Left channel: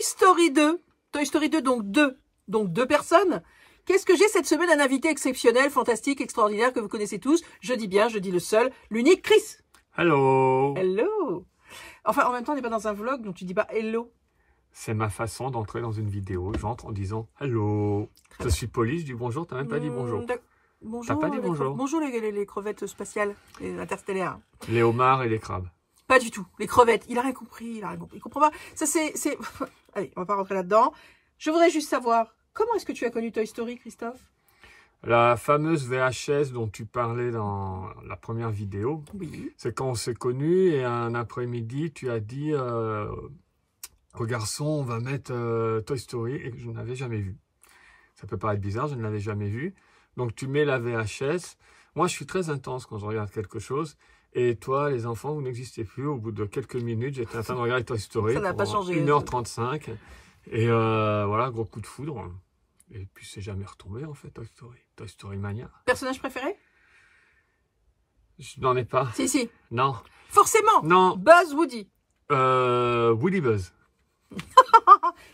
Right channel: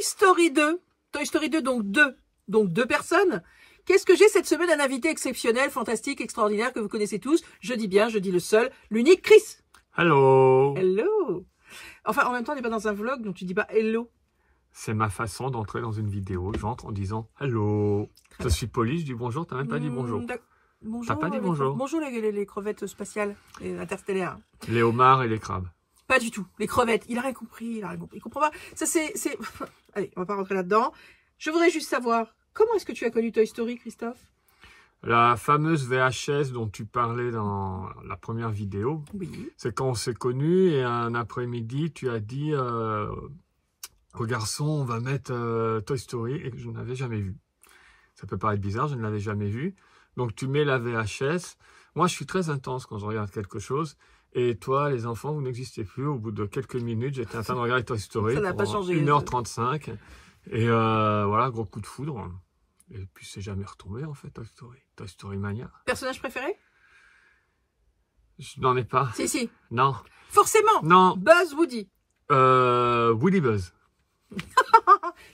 Story 2. Toy Story 2, donc deux personnes. Qu'est-ce que j'ai cette semaine? Un invité exceptionnel, fantastique, extraordinaire, que vous connaissez tous. Je dis bien, je dis le seul, l'unique Chris. Hello. Hello. Enfin, en même temps, on n'est pas dans un vlog, donc tu dis pas hello. C'est ma façon d'entrer dans une vidéo. J'entre en disant hello. Je suis poli, je dis bonjour, t'as même pas dit bonjour. Bonjour. T'as pas dit bonjour. Bonjour les crevettes spatiales, les interstellaires. Les homards et les crabes. Pas du tout. Les crevettes. Il a rien compris. Il comprend pas. Ça, c'est... Allez, on va pas rentrer là-dedans. Je voudrais juste savoir, comment est-ce que tu as connu Toy Story, Christophe? La fameuse VHS dont tu parlais dans la première vidéo, Oui. c'est quand on s'est connus et un après-midi, tu as dit au garçon, on va mettre Toy Story, et que je n'avais jamais vu. Ça peut paraître bizarre, je ne l'avais jamais vu. Donc tu mets la VHS. Moi, je suis très intense quand je regarde quelque chose. Et toi, les enfants, vous n'existez plus. Au bout de quelques minutes, j'étais en train de regarder Toy Story. Ça n'a pas changé. 1h35. Et voilà, gros coup de foudre. Et puis, c'est jamais retombé, en fait, Toy Story. Toy Story Mania. Personnage préféré? Je n'en ai pas. Si. Non. Forcément. Non. Buzz, Woody. Woody Buzz.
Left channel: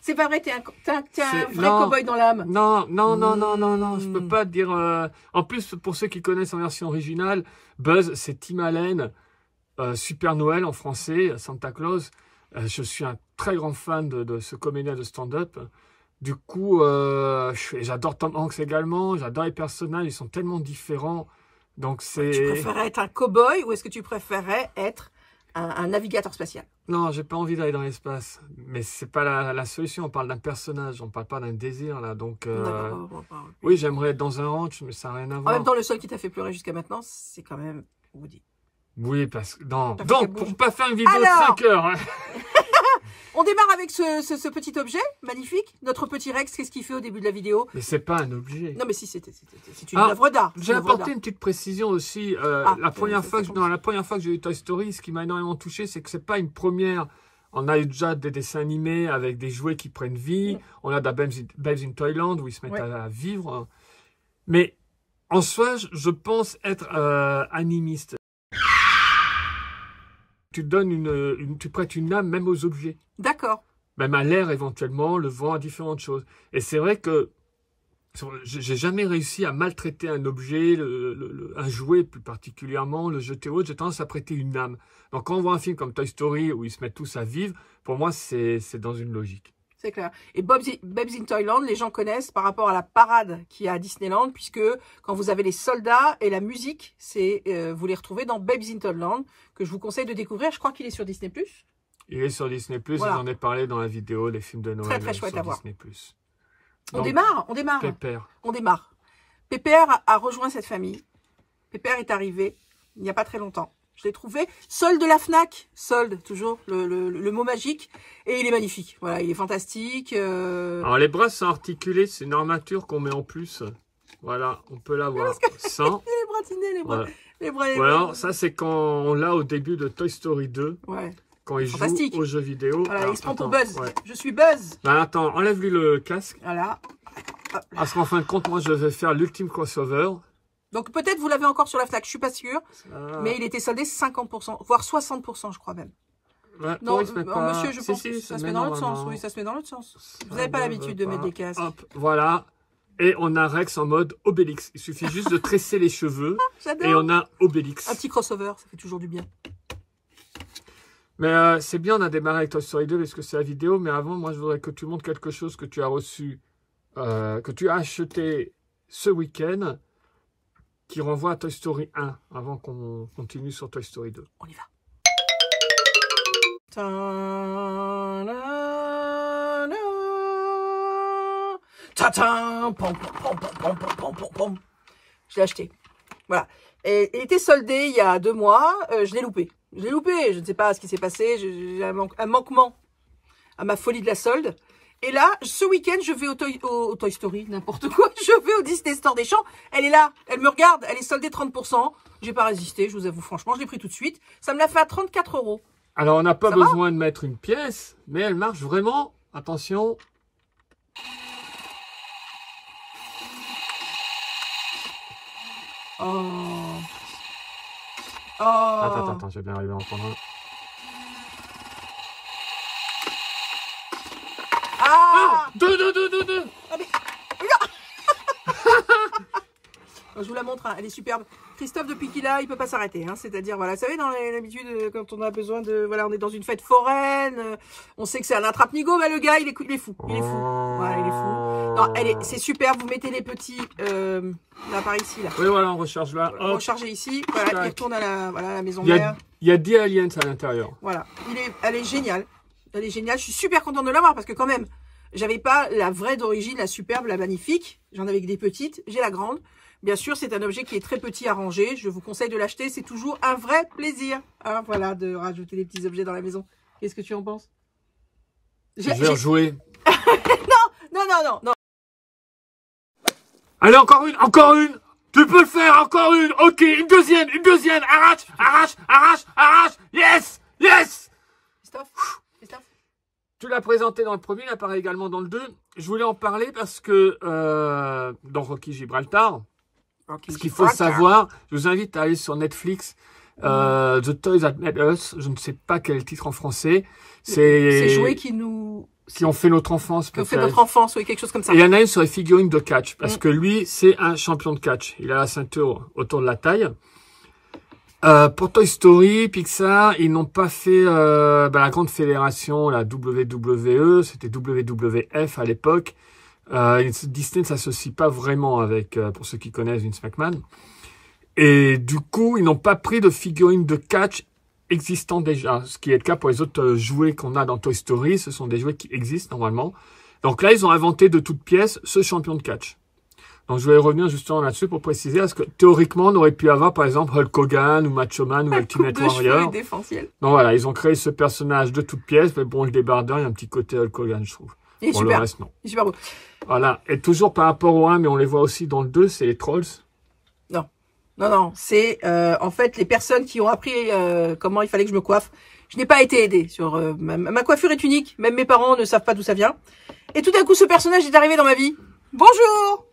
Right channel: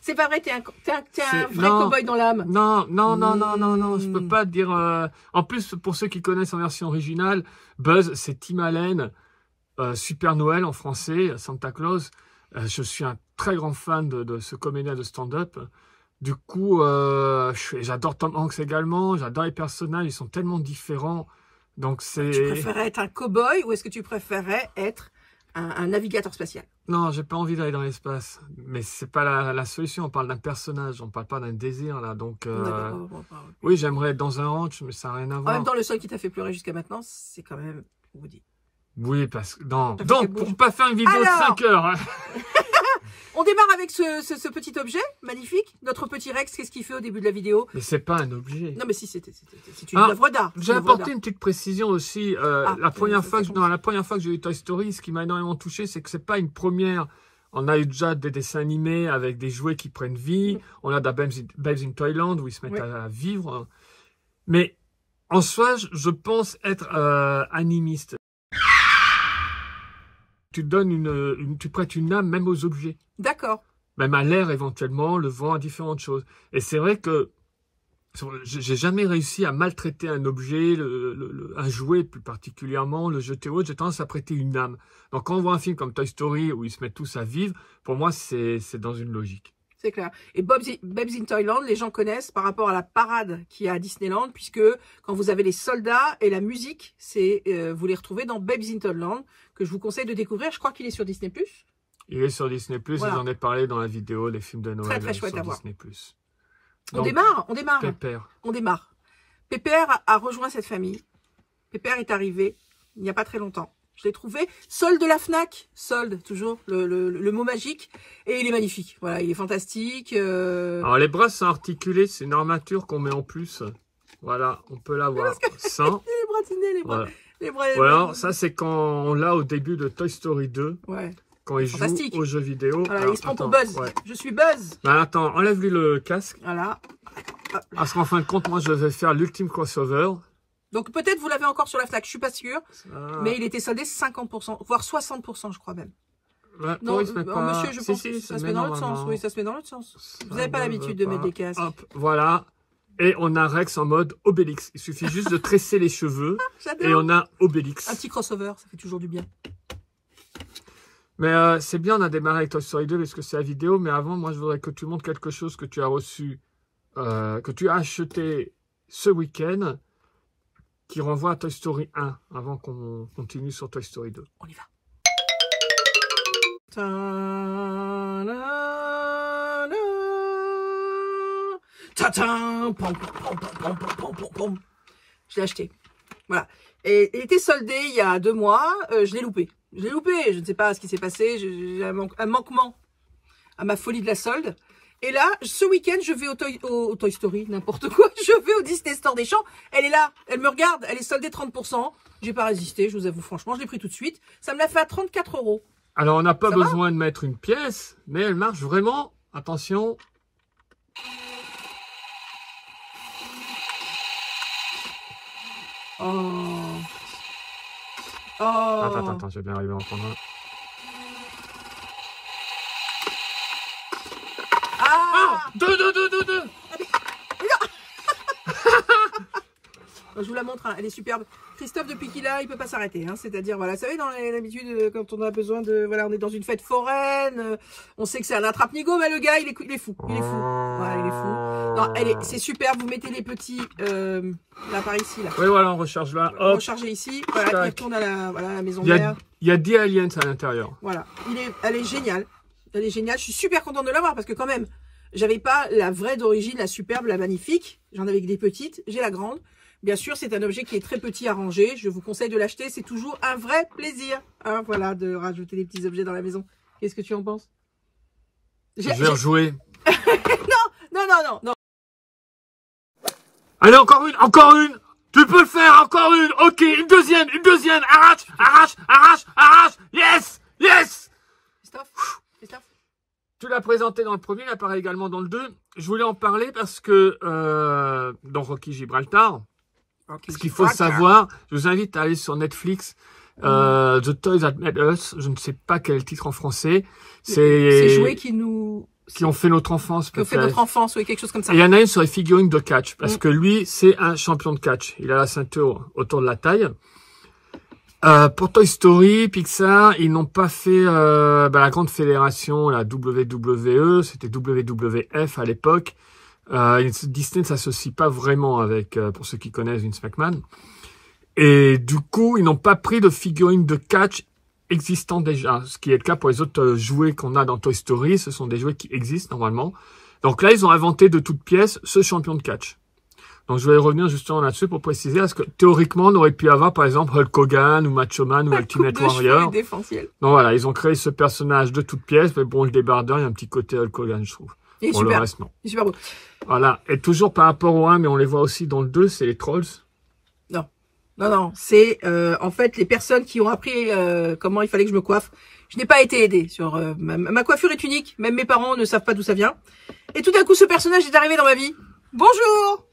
C'est pas vrai, t'es un vrai non, cow-boy dans l'âme. Non, je peux pas te dire... En plus, pour ceux qui connaissent en version originale, Buzz, c'est Tim Allen, Super Noël en français, Santa Claus. Je suis un très grand fan de ce comédien de stand-up. Du coup, j'adore Tom Hanks également, j'adore les personnages, ils sont tellement différents. Donc c'est... Tu préférais être un cow-boy ou est-ce que tu préférais être un navigateur spatial? Non, j'ai pas envie d'aller dans l'espace. Mais c'est pas la solution, on parle d'un personnage, on parle pas d'un désir là. Donc oui, j'aimerais être dans un ranch, mais ça n'a rien à voir. En même temps, le seul qui t'a fait pleurer jusqu'à maintenant, c'est quand même Woody. Oui, parce que... Non, donc, pour pas faire une vidéo de 5 heures... Hein. On démarre avec ce petit objet magnifique. Notre petit Rex, qu'est-ce qu'il fait au début de la vidéo? Mais c'est pas un objet. Non, mais si, c'est une œuvre d'art. J'ai apporté une petite précision aussi. La première fois que j'ai eu Toy Story, ce qui m'a énormément touché, c'est que c'est pas une première. On a eu déjà des dessins animés avec des jouets qui prennent vie. On a Babes in Toyland où ils se mettent à vivre. Mais en soi, je pense être animiste. Tu donnes tu prêtes une âme même aux objets. D'accord. Même à l'air éventuellement, le vent, à différentes choses. Et c'est vrai que j'ai jamais réussi à maltraiter un objet, un jouet plus particulièrement, le jeter autre. J'ai tendance à prêter une âme. Donc quand on voit un film comme Toy Story où ils se mettent tous à vivre, pour moi c'est dans une logique. C'est clair. Et Babes in Toyland, les gens connaissent par rapport à la parade qu'il y a à Disneyland, puisque quand vous avez les soldats et la musique, vous les retrouvez dans Babes in Toyland, que je vous conseille de découvrir. Je crois qu'il est sur Disney+. Il est sur Disney+, voilà. J'en ai parlé dans la vidéo, les films de Noël très chouette sur à voir. Disney+. On démarre. Pépère. On démarre. Pépère a rejoint cette famille. Pépère est arrivé il n'y a pas très longtemps. Je l'ai trouvé solde de la Fnac. Solde, toujours, le mot magique. Et il est magnifique. Voilà, il est fantastique. Alors, les bras sont articulés. C'est une armature qu'on met en plus. Voilà, on peut l'avoir sans. Les bras tinés, les bras. Voilà, ça, c'est quand on l'a au début de Toy Story 2. Ouais. Quand il joue aux jeux vidéo. Voilà, il se prend pour Buzz. Ouais. Je suis Buzz. Ben, attends, enlève-lui le casque. Voilà. Parce qu'en fin de compte, moi, je vais faire l'ultime crossover. Donc, peut-être vous l'avez encore sur la Fnac, je suis pas sûre. Mais il était soldé 50%, voire 60%, je crois même. Ouais, non, monsieur, je pense que ça se met dans l'autre sens. Oui, ça se met dans l'autre sens. Vous n'avez pas l'habitude de mettre des casques. Hop, voilà. Et on a Rex en mode Obélix. Il suffit juste de tresser les cheveux. Et on a Obélix. Un petit crossover, ça fait toujours du bien. Mais c'est bien, on a démarré avec Toy Story 2 parce que c'est la vidéo. Mais avant, moi, je voudrais que tu montres quelque chose que tu as reçu, que tu as acheté ce week-end, qui renvoie à Toy Story 1, avant qu'on continue sur Toy Story 2. On y va. Je l'ai acheté. Voilà. Et il était soldé il y a 2 mois. Je l'ai loupé. Je ne sais pas ce qui s'est passé. J'ai un manquement à ma folie de la solde. Et là, ce week-end, je vais au Toy Story, n'importe quoi. Je vais au Disney Store des Champs. Elle est là. Elle me regarde. Elle est soldée 30%. J'ai pas résisté, je vous avoue franchement. Je l'ai pris tout de suite. Ça me l'a fait à 34 €. Alors, on n'a pas besoin de mettre une pièce, mais elle marche vraiment. Attention. Oh. Attends, je vais bien arriver à entendre. Deux. Je vous la montre, hein, elle est superbe. Christophe, depuis qu'il a, il peut pas s'arrêter. Hein, c'est-à-dire, voilà, vous savez, dans l'habitude, quand on a besoin de... Voilà, on est dans une fête foraine, on sait que c'est un attrape-nigo, mais le gars, il est fou. Il est fou. Voilà, il est fou. Non, c'est superbe, vous mettez les petits... là, par ici, là. Oui, voilà, on recharge là. Hop. Rechargez ici. Voilà, il retourne à la maison mère. Il y a 10 aliens à l'intérieur. Voilà. Elle est géniale. Elle est géniale. Je suis super contente de l'avoir parce que quand même, j'avais pas la vraie d'origine, la superbe, la magnifique. J'en avais que des petites. J'ai la grande. Bien sûr, c'est un objet qui est très petit à ranger. Je vous conseille de l'acheter. C'est toujours un vrai plaisir. Hein, voilà, de rajouter des petits objets dans la maison. Qu'est-ce que tu en penses? Je vais rejouer. Non. Allez, encore une. Tu peux le faire, encore une. Ok, une deuxième. Arrache. Yes. Christophe. Tu l'as présenté dans le premier, il apparaît également dans le 2. Je voulais en parler parce que dans Rocky Gibraltar, ce qu'il faut savoir, je vous invite à aller sur Netflix, The Toys That Made Us, je ne sais pas quel est le titre en français. C'est jouets qui ont fait notre enfance. Qui ont fait notre enfance, oui, quelque chose comme ça. Et il y en a une sur les figurines de catch, parce que lui, c'est un champion de catch. Il a la ceinture autour de la taille. Pour Toy Story, Pixar, ils n'ont pas fait la grande fédération, la WWE, c'était WWF à l'époque. Disney ne s'associe pas vraiment avec, pour ceux qui connaissent, Vince McMahon. Et du coup, ils n'ont pas pris de figurines de catch existants déjà. Ce qui est le cas pour les autres jouets qu'on a dans Toy Story, ce sont des jouets qui existent normalement. Donc là, ils ont inventé de toutes pièces ce champion de catch. Donc je vais revenir justement là-dessus pour préciser, parce que théoriquement, on aurait pu avoir par exemple Hulk Hogan ou Macho Man ou Ultimate Warrior. Donc voilà, ils ont créé ce personnage de toutes pièces, mais bon, le débardeur, il y a un petit côté Hulk Hogan, je trouve. Il est pour super. Le reste, non. Il est super beau. Voilà, et toujours par rapport au 1, mais on les voit aussi dans le 2, c'est les Trolls. Non, c'est en fait les personnes qui ont appris comment il fallait que je me coiffe. Je n'ai pas été aidée sur ma coiffure est unique, même mes parents ne savent pas d'où ça vient. Et tout d'un coup, ce personnage est arrivé dans ma vie. Bonjour.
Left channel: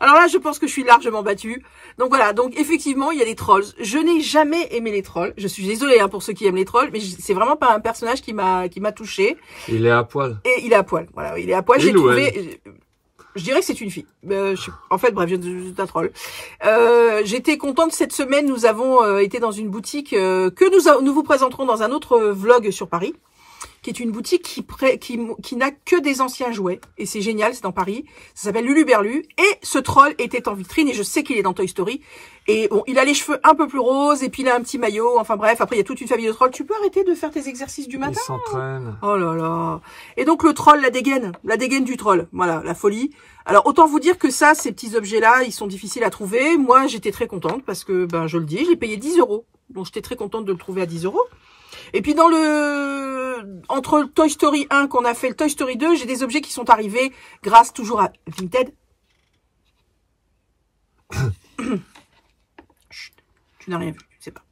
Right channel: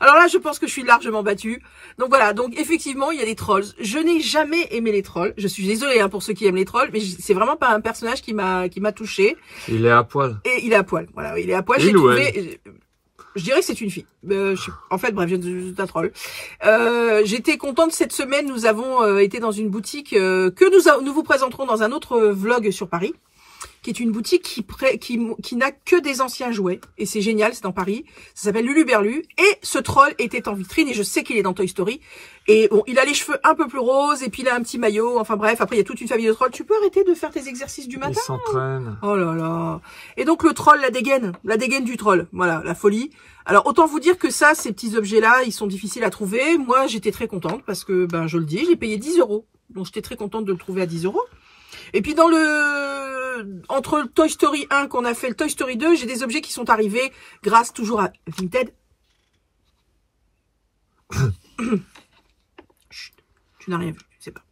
Alors là, je pense que je suis largement battue. Donc voilà, donc effectivement, il y a des trolls. Je n'ai jamais aimé les trolls. Je suis désolée hein, pour ceux qui aiment les trolls, mais c'est vraiment pas un personnage qui m'a touchée. Il est à poil. Et il est à poil. Voilà, il est à poil. J'ai trouvé. Je dirais que c'est une fille. En fait, bref, je suis un troll. J'étais contente cette semaine. Nous avons été dans une boutique que nous vous présenterons dans un autre vlog sur Paris, qui est une boutique qui n'a que des anciens jouets. Et c'est génial, c'est dans Paris. Ça s'appelle Luluberlu. Et ce troll était en vitrine et je sais qu'il est dans Toy Story. Et bon, il a les cheveux un peu plus roses et puis il a un petit maillot. Enfin bref, après il y a toute une famille de trolls. Tu peux arrêter de faire tes exercices du matin? Il s'entraîne. Oh là là. Et donc le troll, la dégaine du troll. Voilà, la folie. Alors autant vous dire que ça, ces petits objets-là, ils sont difficiles à trouver. Moi, j'étais très contente parce que, je le dis, j'ai payé 10 €. Donc j'étais très contente de le trouver à 10 €. Et puis entre le Toy Story 1 qu'on a fait, le Toy Story 2, j'ai des objets qui sont arrivés grâce toujours à Vinted. Tu n'as rien vu, je sais pas.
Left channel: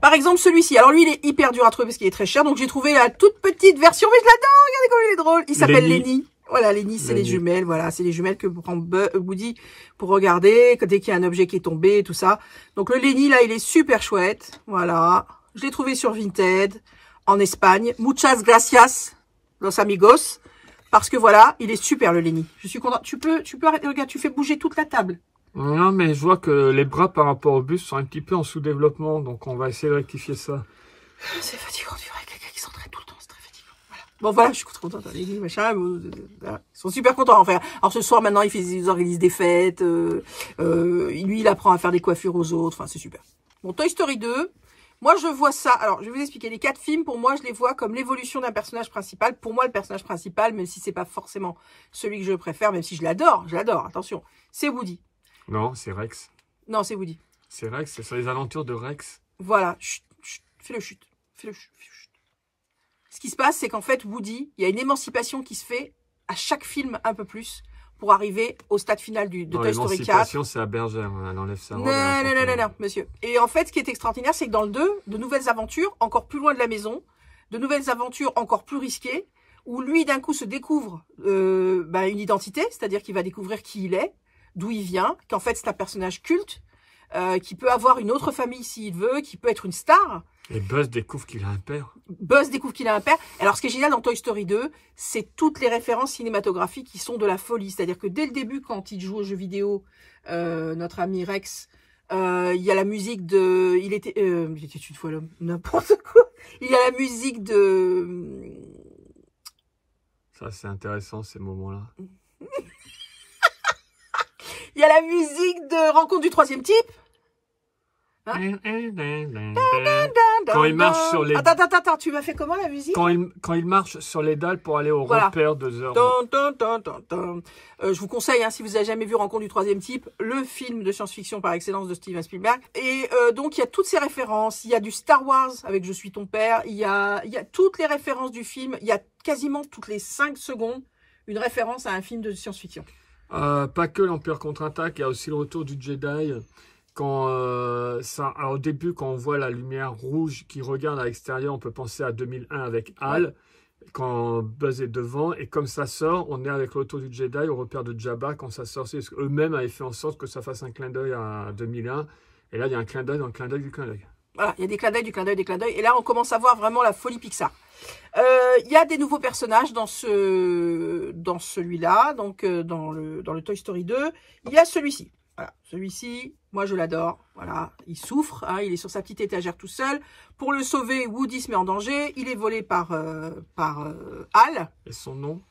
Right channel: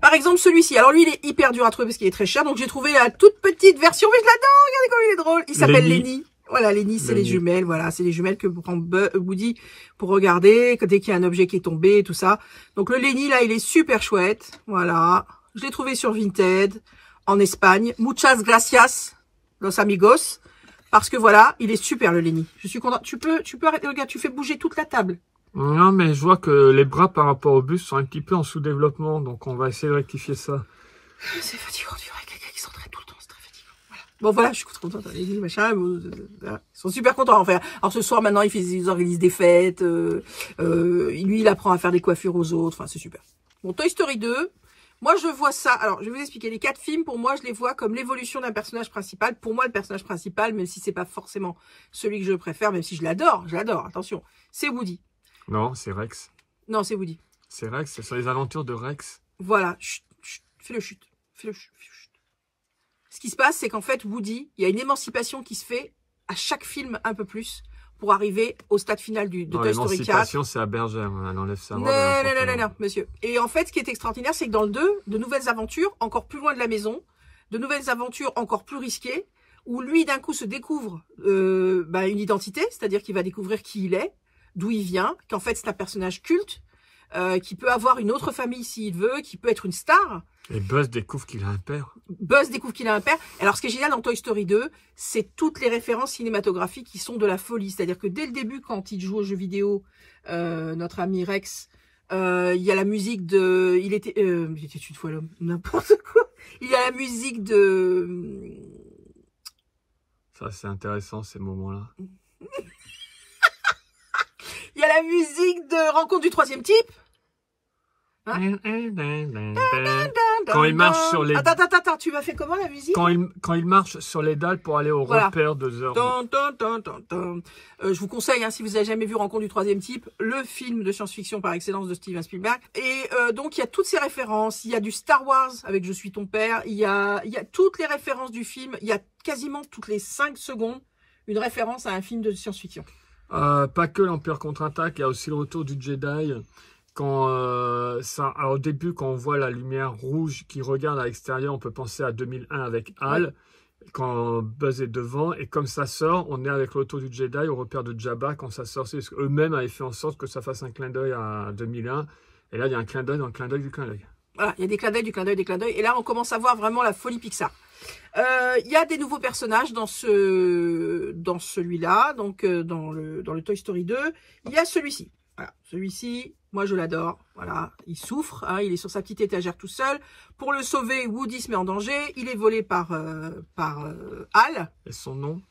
Par exemple, celui-ci. Alors lui, il est hyper dur à trouver parce qu'il est très cher. Donc j'ai trouvé la toute petite version, mais je l'adore. Regardez comme il est drôle. Il s'appelle Lenny. Voilà, Lenny, c'est les jumelles. Voilà, c'est les jumelles que prend Woody pour regarder dès qu'il y a un objet qui est tombé, tout ça. Donc le Lenny, là, il est super chouette. Voilà. Je l'ai trouvé sur Vinted, en Espagne. Muchas gracias, los amigos. Parce que voilà, il est super, le Lenny. Je suis contente. Tu peux arrêter. Regarde, tu fais bouger toute la table. Non, mais je vois que les bras par rapport au buste sont un petit peu en sous-développement. Donc on va essayer de rectifier ça. C'est fatigant, tu vois, quelqu'un qui s'entraîne tout le temps, c'est très fatigant. Voilà. Bon, voilà, je suis contente. Les machin, ils sont super contents, enfin. Alors, ce soir, maintenant, ils organisent des fêtes. Lui, il apprend à faire des coiffures aux autres. Enfin, c'est super. Bon, Toy Story 2. Moi, je vois ça. Alors, je vais vous expliquer. Les 4 films, pour moi, je les vois comme l'évolution d'un personnage principal. Pour moi, le personnage principal, même si c'est pas forcément celui que je préfère, même si je l'adore, attention, c'est Woody. Non, c'est Rex. Non, c'est Woody. C'est Rex, c'est sur les aventures de Rex. Voilà. Chut, chut, fais-le chut. Fais-le chut. Ce qui se passe, c'est qu'en fait, Woody, il y a une émancipation qui se fait à chaque film un peu plus pour arriver au stade final de Toy Story 4. L'émancipation, c'est à Bergère, on enlève ça. Non, monsieur. Et en fait, ce qui est extraordinaire, c'est que dans le 2, de nouvelles aventures encore plus loin de la maison, de nouvelles aventures encore plus risquées, où lui, d'un coup, se découvre une identité, c'est-à-dire qu'il va découvrir qui il est, d'où il vient, qu'en fait, c'est un personnage culte, qui peut avoir une autre famille s'il veut, qui peut être une star. Et Buzz découvre qu'il a un père. Buzz découvre qu'il a un père. Alors, ce qui est génial dans Toy Story 2, c'est toutes les références cinématographiques qui sont de la folie. C'est-à-dire que dès le début, quand il joue aux jeux vidéo, notre ami Rex, il y a la musique de... Il était une fois l'homme, n'importe quoi. Il y a la musique de... Ça, c'est intéressant, ces moments-là. Il y a la musique de Rencontre du troisième type. Hein? Quand il marche sur les... Attends, tu m'as fait comment la musique? Quand il marche sur les dalles pour aller au repère de Zorn. Je vous conseille, hein, si vous n'avez jamais vu Rencontre du troisième type, le film de science-fiction par excellence de Steven Spielberg. Et donc, il y a toutes ces références. Il y a du Star Wars avec Je suis ton père. Il y a toutes les références du film. Il y a quasiment toutes les 5 secondes une référence à un film de science-fiction. Pas que l'Empire contre-attaque, il y a aussi le retour du Jedi. Quand alors au début, quand on voit la lumière rouge qui regarde à l'extérieur, on peut penser à 2001 avec Hal. Ouais. Quand Buzz est devant, et comme ça sort, on est avec le retour du Jedi au repère de Jabba quand ça sort. Parce qu'eux-mêmes avaient fait en sorte que ça fasse un clin d'œil à 2001. Et là, il y a un clin d'œil dans le clin d'œil du clin d'œil. Voilà, il y a des clins d'œil, du clin d'œil, des clins d'œil. Et là, on commence à voir vraiment la folie Pixar. Il y a des nouveaux personnages dans celui-là, donc dans le Toy Story 2. Il y a celui-ci. Voilà, celui-ci, moi je l'adore. Voilà, il souffre, hein, il est sur sa petite étagère tout seul. Pour le sauver, Woody se met en danger. Il est volé par Hal. Et son nom?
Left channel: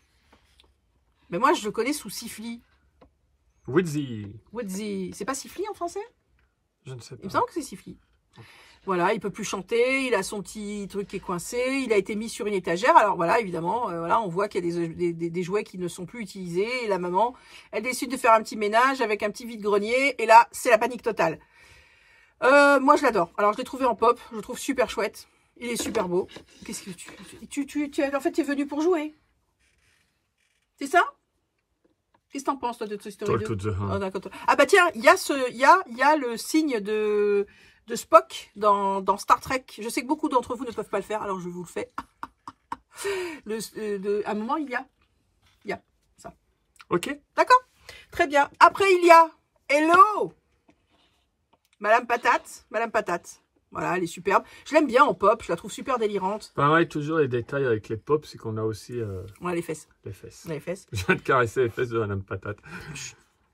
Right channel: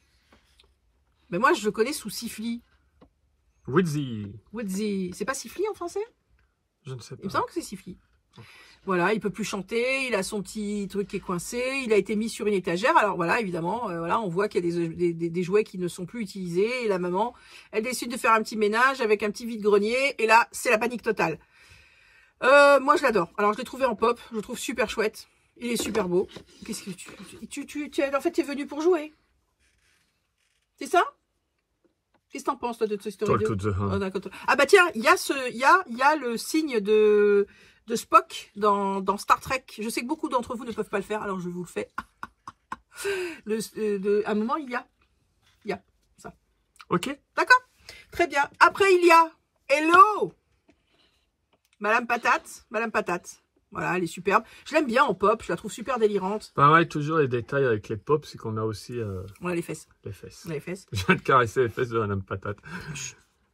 Mais moi je le connais sous Siffly. Woodsy. Woodsy. C'est pas Siffly en français? Je ne sais pas. Il me semble que c'est Siffly. Voilà, il peut plus chanter, il a son petit truc qui est coincé, il a été mis sur une étagère. Alors voilà, évidemment, voilà, on voit qu'il y a des jouets qui ne sont plus utilisés. Et la maman, elle décide de faire un petit ménage avec un petit vide-grenier. Et là, c'est la panique totale. Moi, je l'adore. Alors, je l'ai trouvé en pop, je le trouve super chouette. Il est super beau. Qu'est-ce que en fait, tu es venu pour jouer? C'est ça? Qu'est-ce que t'en penses, toi, de Toy Story 2? Ah bah tiens, il y a le signe de Spock dans Star Trek. Je sais que beaucoup d'entre vous ne peuvent pas le faire, alors je vous le fais. À un moment, il y a ça. Ok. D'accord. Très bien. Après, il y a Hello Madame Patate. Voilà, elle est superbe. Je l'aime bien en pop, je la trouve super délirante. Pareil, toujours les détails avec les pops, c'est qu'on a aussi... On a les fesses. Les fesses. On a les fesses. Je viens de caresser les fesses de Madame Patate.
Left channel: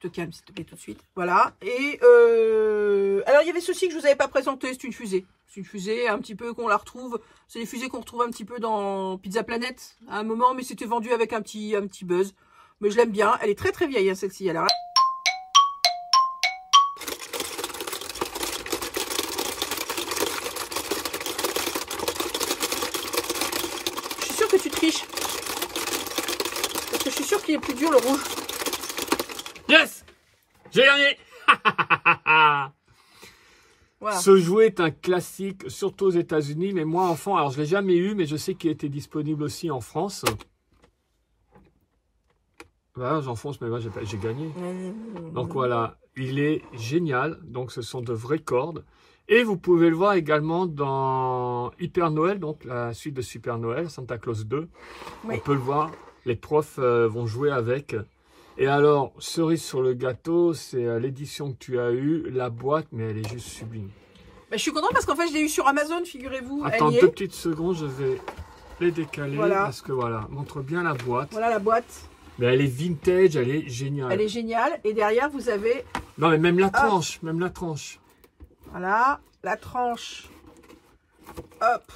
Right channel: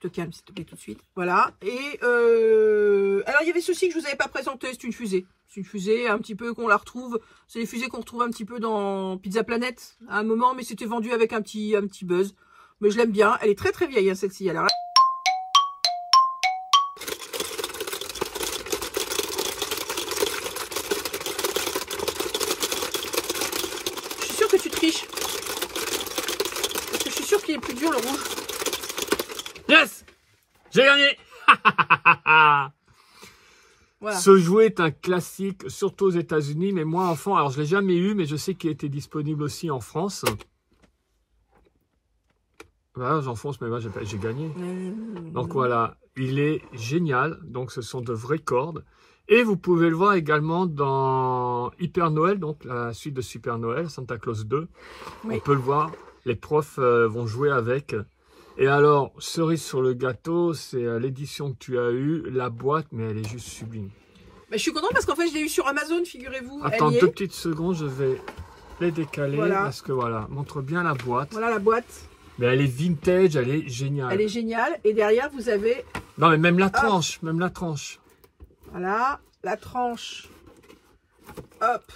Te calme, s'il te plaît, tout de suite. Voilà. Et alors, il y avait ceci que je vous avais pas présenté. C'est une fusée. C'est une fusée un petit peu qu'on la retrouve. C'est des fusées qu'on retrouve un petit peu dans Pizza Planet à un moment, mais c'était vendu avec un petit buzz. Mais je l'aime bien. Elle est très très vieille, hein, celle-ci. Alors, je suis sûre que tu triches. Parce que je suis sûre qu'il est plus dur le rouge. Yes! J'ai gagné! Voilà. Ce jouet est un classique, surtout aux États-Unis, mais moi, enfant, alors je ne l'ai jamais eu, mais je sais qu'il était disponible aussi en France. Voilà, j'enfonce, mais moi, j'ai gagné. Donc voilà, il est génial. Donc ce sont de vraies cordes. Et vous pouvez le voir également dans Hyper Noël, donc la suite de Super Noël, Santa Claus 2. Oui. On peut le voir, les profs vont jouer avec. Et alors, cerise sur le gâteau, c'est l'édition que tu as eue, la boîte, mais elle est juste sublime. Bah, je suis contente parce qu'en fait, je l'ai eu sur Amazon, figurez-vous. Attends 2 petites secondes, je vais les décaler. Voilà. Parce que voilà, montre bien la boîte. Voilà la boîte. Mais elle est vintage, elle est géniale. Elle est géniale. Et derrière, vous avez... Non, mais même la tranche, même la tranche. Voilà, la tranche. Hop.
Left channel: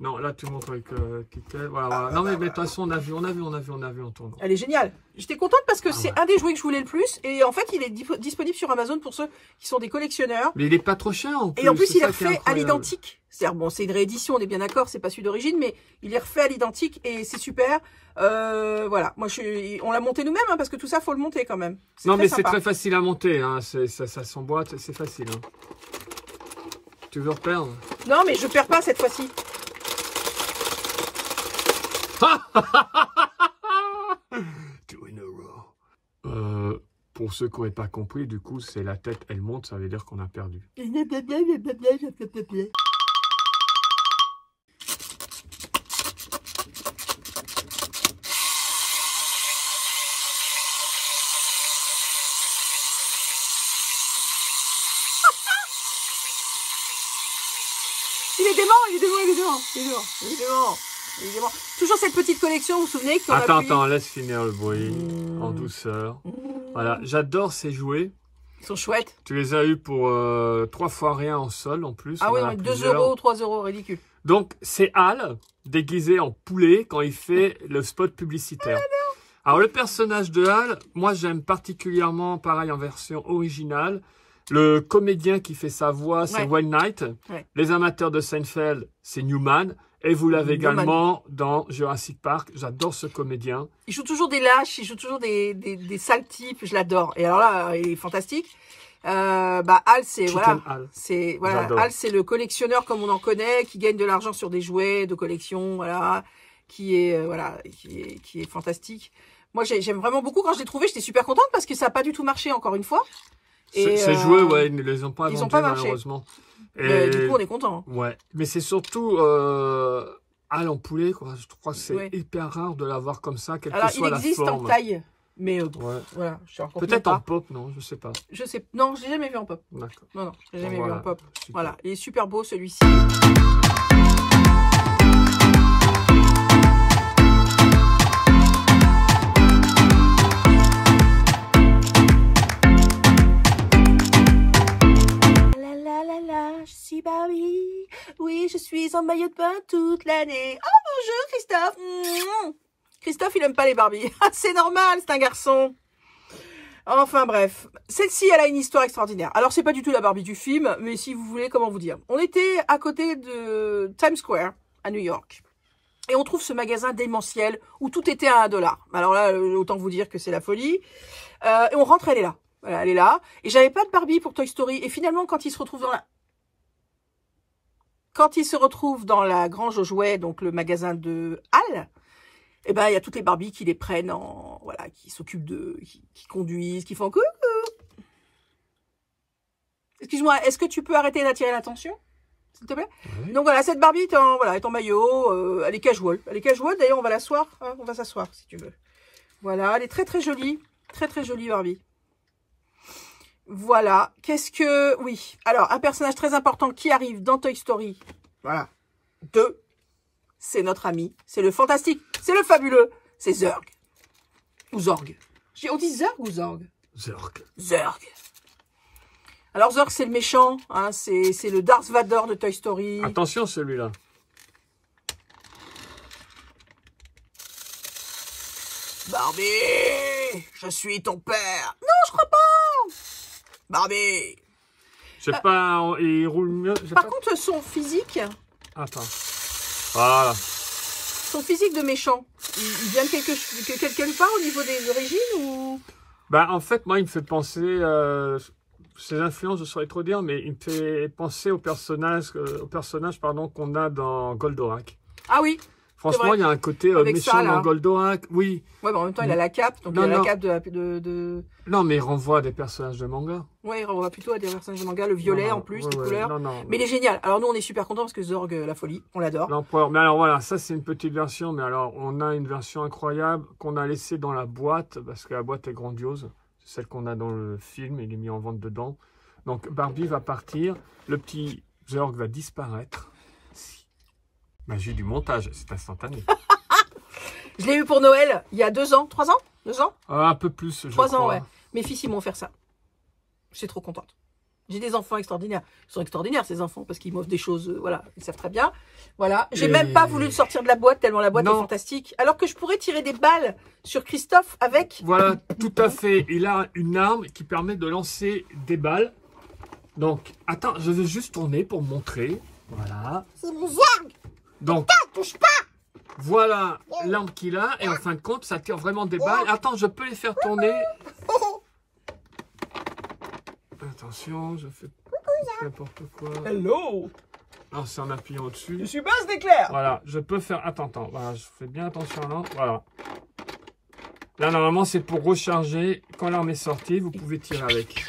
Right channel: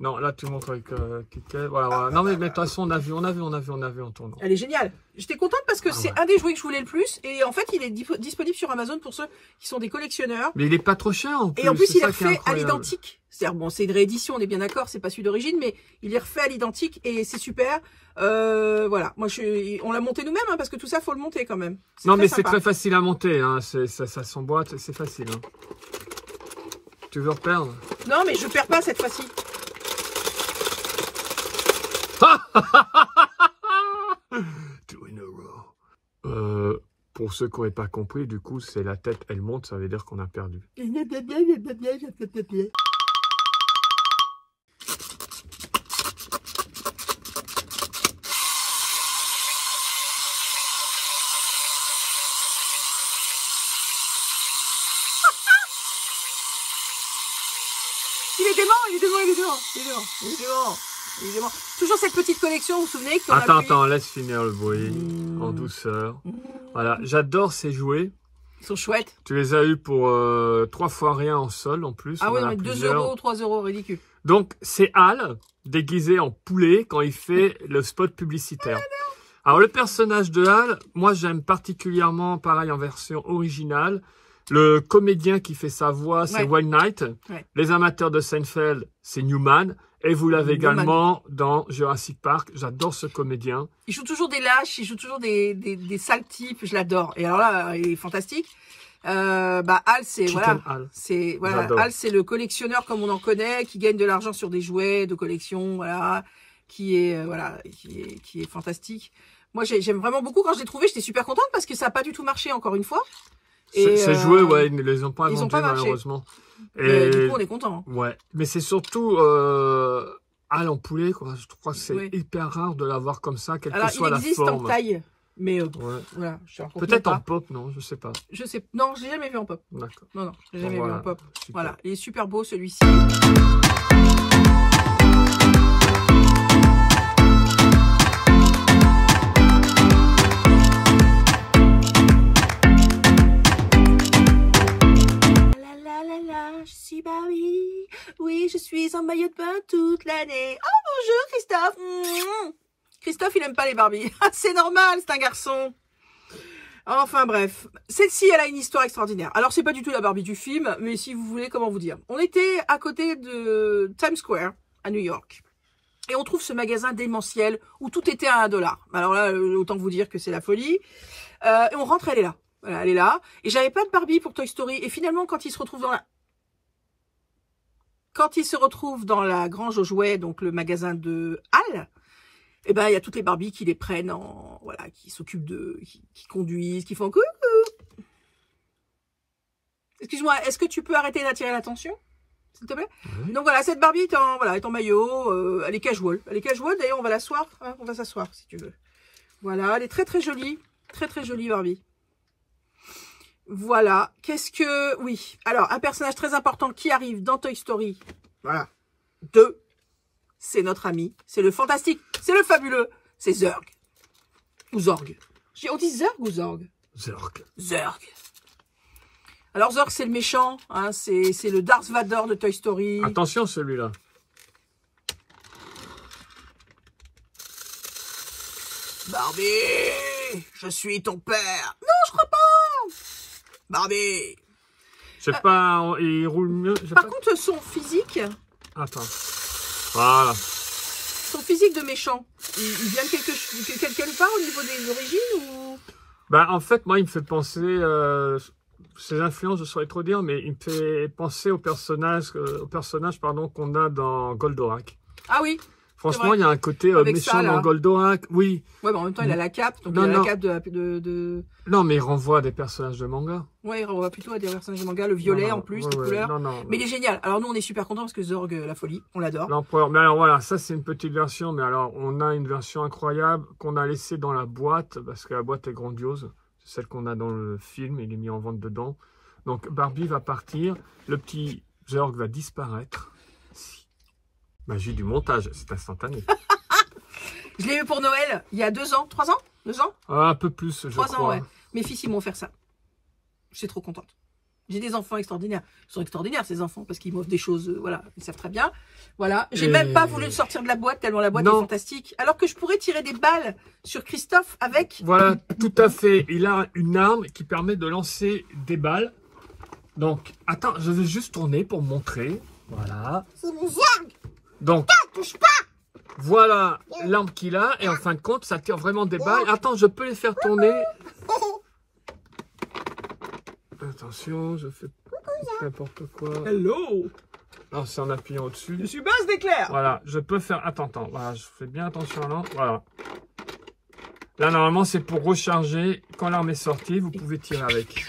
Non, là, tu montres avec Kittel. Voilà, voilà. Non, mais de toute façon, on a vu en tournant. Elle est géniale. J'étais contente parce que c'est un des jouets que je voulais le plus. Et en fait, il est disponible sur Amazon pour ceux qui sont des collectionneurs. Mais il est pas trop cher en plus. Et en plus, il est refait à l'identique. C'est-à-dire, bon, c'est une réédition, on est bien d'accord, c'est pas celui d'origine, mais il est refait à l'identique et c'est super. Voilà, moi, on l'a monté nous-mêmes, hein, parce que tout ça, faut le monter quand même. Non, mais c'est très facile à monter. Hein. Ça s'emboîte, c'est facile. Hein. Tu veux reperdre? Non, mais je perds pas cette fois-ci. Pour ceux qui n'auraient pas compris, du coup, c'est la tête, elle monte, ça veut dire qu'on a perdu. Il est démon. évidemment. Toujours cette petite collection, vous vous souvenez qu'on Attends, laisse finir le bruit, en douceur. Voilà, j'adore ces jouets. Ils sont chouettes. Tu les as eu pour 3 fois rien en sol en plus. Ah oui, 2 €, 3 €, ridicule. Donc, c'est Hal, déguisé en poulet, quand il fait le spot publicitaire. Alors, le personnage de Hal, moi, j'aime particulièrement, pareil, en version originale. Le comédien qui fait sa voix, c'est Wayne Knight. Ouais. Les amateurs de Seinfeld, c'est Newman. Et vous l'avez également dans Jurassic Park. J'adore ce comédien. Il joue toujours des lâches, il joue toujours des sales types. Je l'adore. Et alors là, il est fantastique. Hal, c'est Hal, c'est le collectionneur comme on en connaît, qui gagne de l'argent sur des jouets de collection, voilà, qui est fantastique. Moi, j'aime vraiment beaucoup. Quand je l'ai trouvé, j'étais super contente parce que ça n'a pas du tout marché encore une fois. Ces jouets, ouais, ils ne les ont pas vendus malheureusement. Et du coup, on est content. Ouais, mais c'est surtout Hal en poulet, quoi. Je crois que c'est hyper rare de l'avoir comme ça, quelle que soit la forme. Il existe en taille. Mais voilà, peut-être en pop, non, je sais pas. Non, je l'ai jamais vu en pop. D'accord. Non, je l'ai jamais vu en pop. Super. Voilà, il est super beau celui-ci. Je suis Barbie. Oui, je suis en maillot de bain toute l'année. Oh, bonjour Christophe. Christophe, il aime pas les Barbies. C'est normal, c'est un garçon. Enfin bref, celle-ci, elle a une histoire extraordinaire. Alors, c'est pas du tout la Barbie du film, mais si vous voulez, comment vous dire. On était à côté de Times Square, à New York. Et on trouve ce magasin démentiel où tout était à $1. Alors là, autant vous dire que c'est la folie. Et on rentre, elle est là. Voilà, elle est là. Et j'avais pas de Barbie pour Toy Story. Et finalement, quand il se retrouve dans la grange aux jouets, donc le magasin de Hal, eh ben, il y a toutes les Barbies qui les prennent voilà, qui s'occupent qui conduisent, qui font coucou. Excuse-moi, est-ce que tu peux arrêter d'attirer l'attention, s'il te plaît? Oui. Donc voilà, cette Barbie est en maillot, elle est casual. Elle est casual, d'ailleurs, on va l'asseoir, hein, on va s'asseoir, si tu veux. Voilà, elle est très très jolie Barbie. Voilà, oui, alors, un personnage très important qui arrive dans Toy Story, voilà, 2, c'est notre ami, c'est le fantastique, c'est le fabuleux, c'est Zurg. Ou Zorg. On dit Zurg ou Zorg? Zurg. Alors Zurg, c'est le méchant, hein, c'est le Darth Vader de Toy Story. Attention celui-là. Barbie, je suis ton père. Non, je crois pas. Barbie. Je sais pas, il roule mieux. Par contre, son physique... Attends. Voilà. Son physique de méchant, il vient de quelque part au niveau des origines ou... Bah, en fait, moi, il me fait penser... ses influences, je saurais trop dire, mais il me fait penser au personnage qu'on a dans Goldorak. Ah oui. Franchement, il y a un côté méchant dans Goldorak, oui. Ouais, mais en même temps, il a la cape, donc il a la cape de... Non, mais il renvoie à des personnages de manga. Ouais, il renvoie plutôt à des personnages de manga, le violet en plus, les couleurs. Mais il est génial. Alors nous, on est super contents parce que Zorg, la folie, on l'adore. L'empereur. Mais alors voilà, ça c'est une petite version, mais alors on a une version incroyable qu'on a laissée dans la boîte, parce que la boîte est grandiose. C'est celle qu'on a dans le film, il est mis en vente dedans. Donc Barbie va partir, le petit Zorg va disparaître. Magie du montage, c'est instantané. Je l'ai eu pour Noël il y a 2 ans, 3 ans 2 ans un peu plus, je 3 ans, ouais. Mes fils, ils m'ont offert ça. Je suis trop contente. J'ai des enfants extraordinaires. Ils sont extraordinaires, ces enfants, parce qu'ils m'offrent des choses, voilà, ils savent très bien. Voilà. J'ai même pas voulu le sortir de la boîte, tellement la boîte est fantastique. Alors que je pourrais tirer des balles sur Christophe avec... Voilà, tout à fait. Il a une arme qui permet de lancer des balles. Donc, attends, je vais juste tourner pour montrer. Voilà. C'est mon Zorg. Donc, touche pas. Voilà l'arme qu'il a. Et en fin de compte, ça tire vraiment des balles. Attends, je peux les faire tourner. Attention, je fais n'importe quoi. Hello. Alors, c'est en appuyant au-dessus. Je suis Buzz d'éclair. Voilà, je peux faire... Attends. Voilà, je fais bien attention là. Voilà. Là, normalement, c'est pour recharger. Quand l'arme est sortie, vous pouvez tirer avec.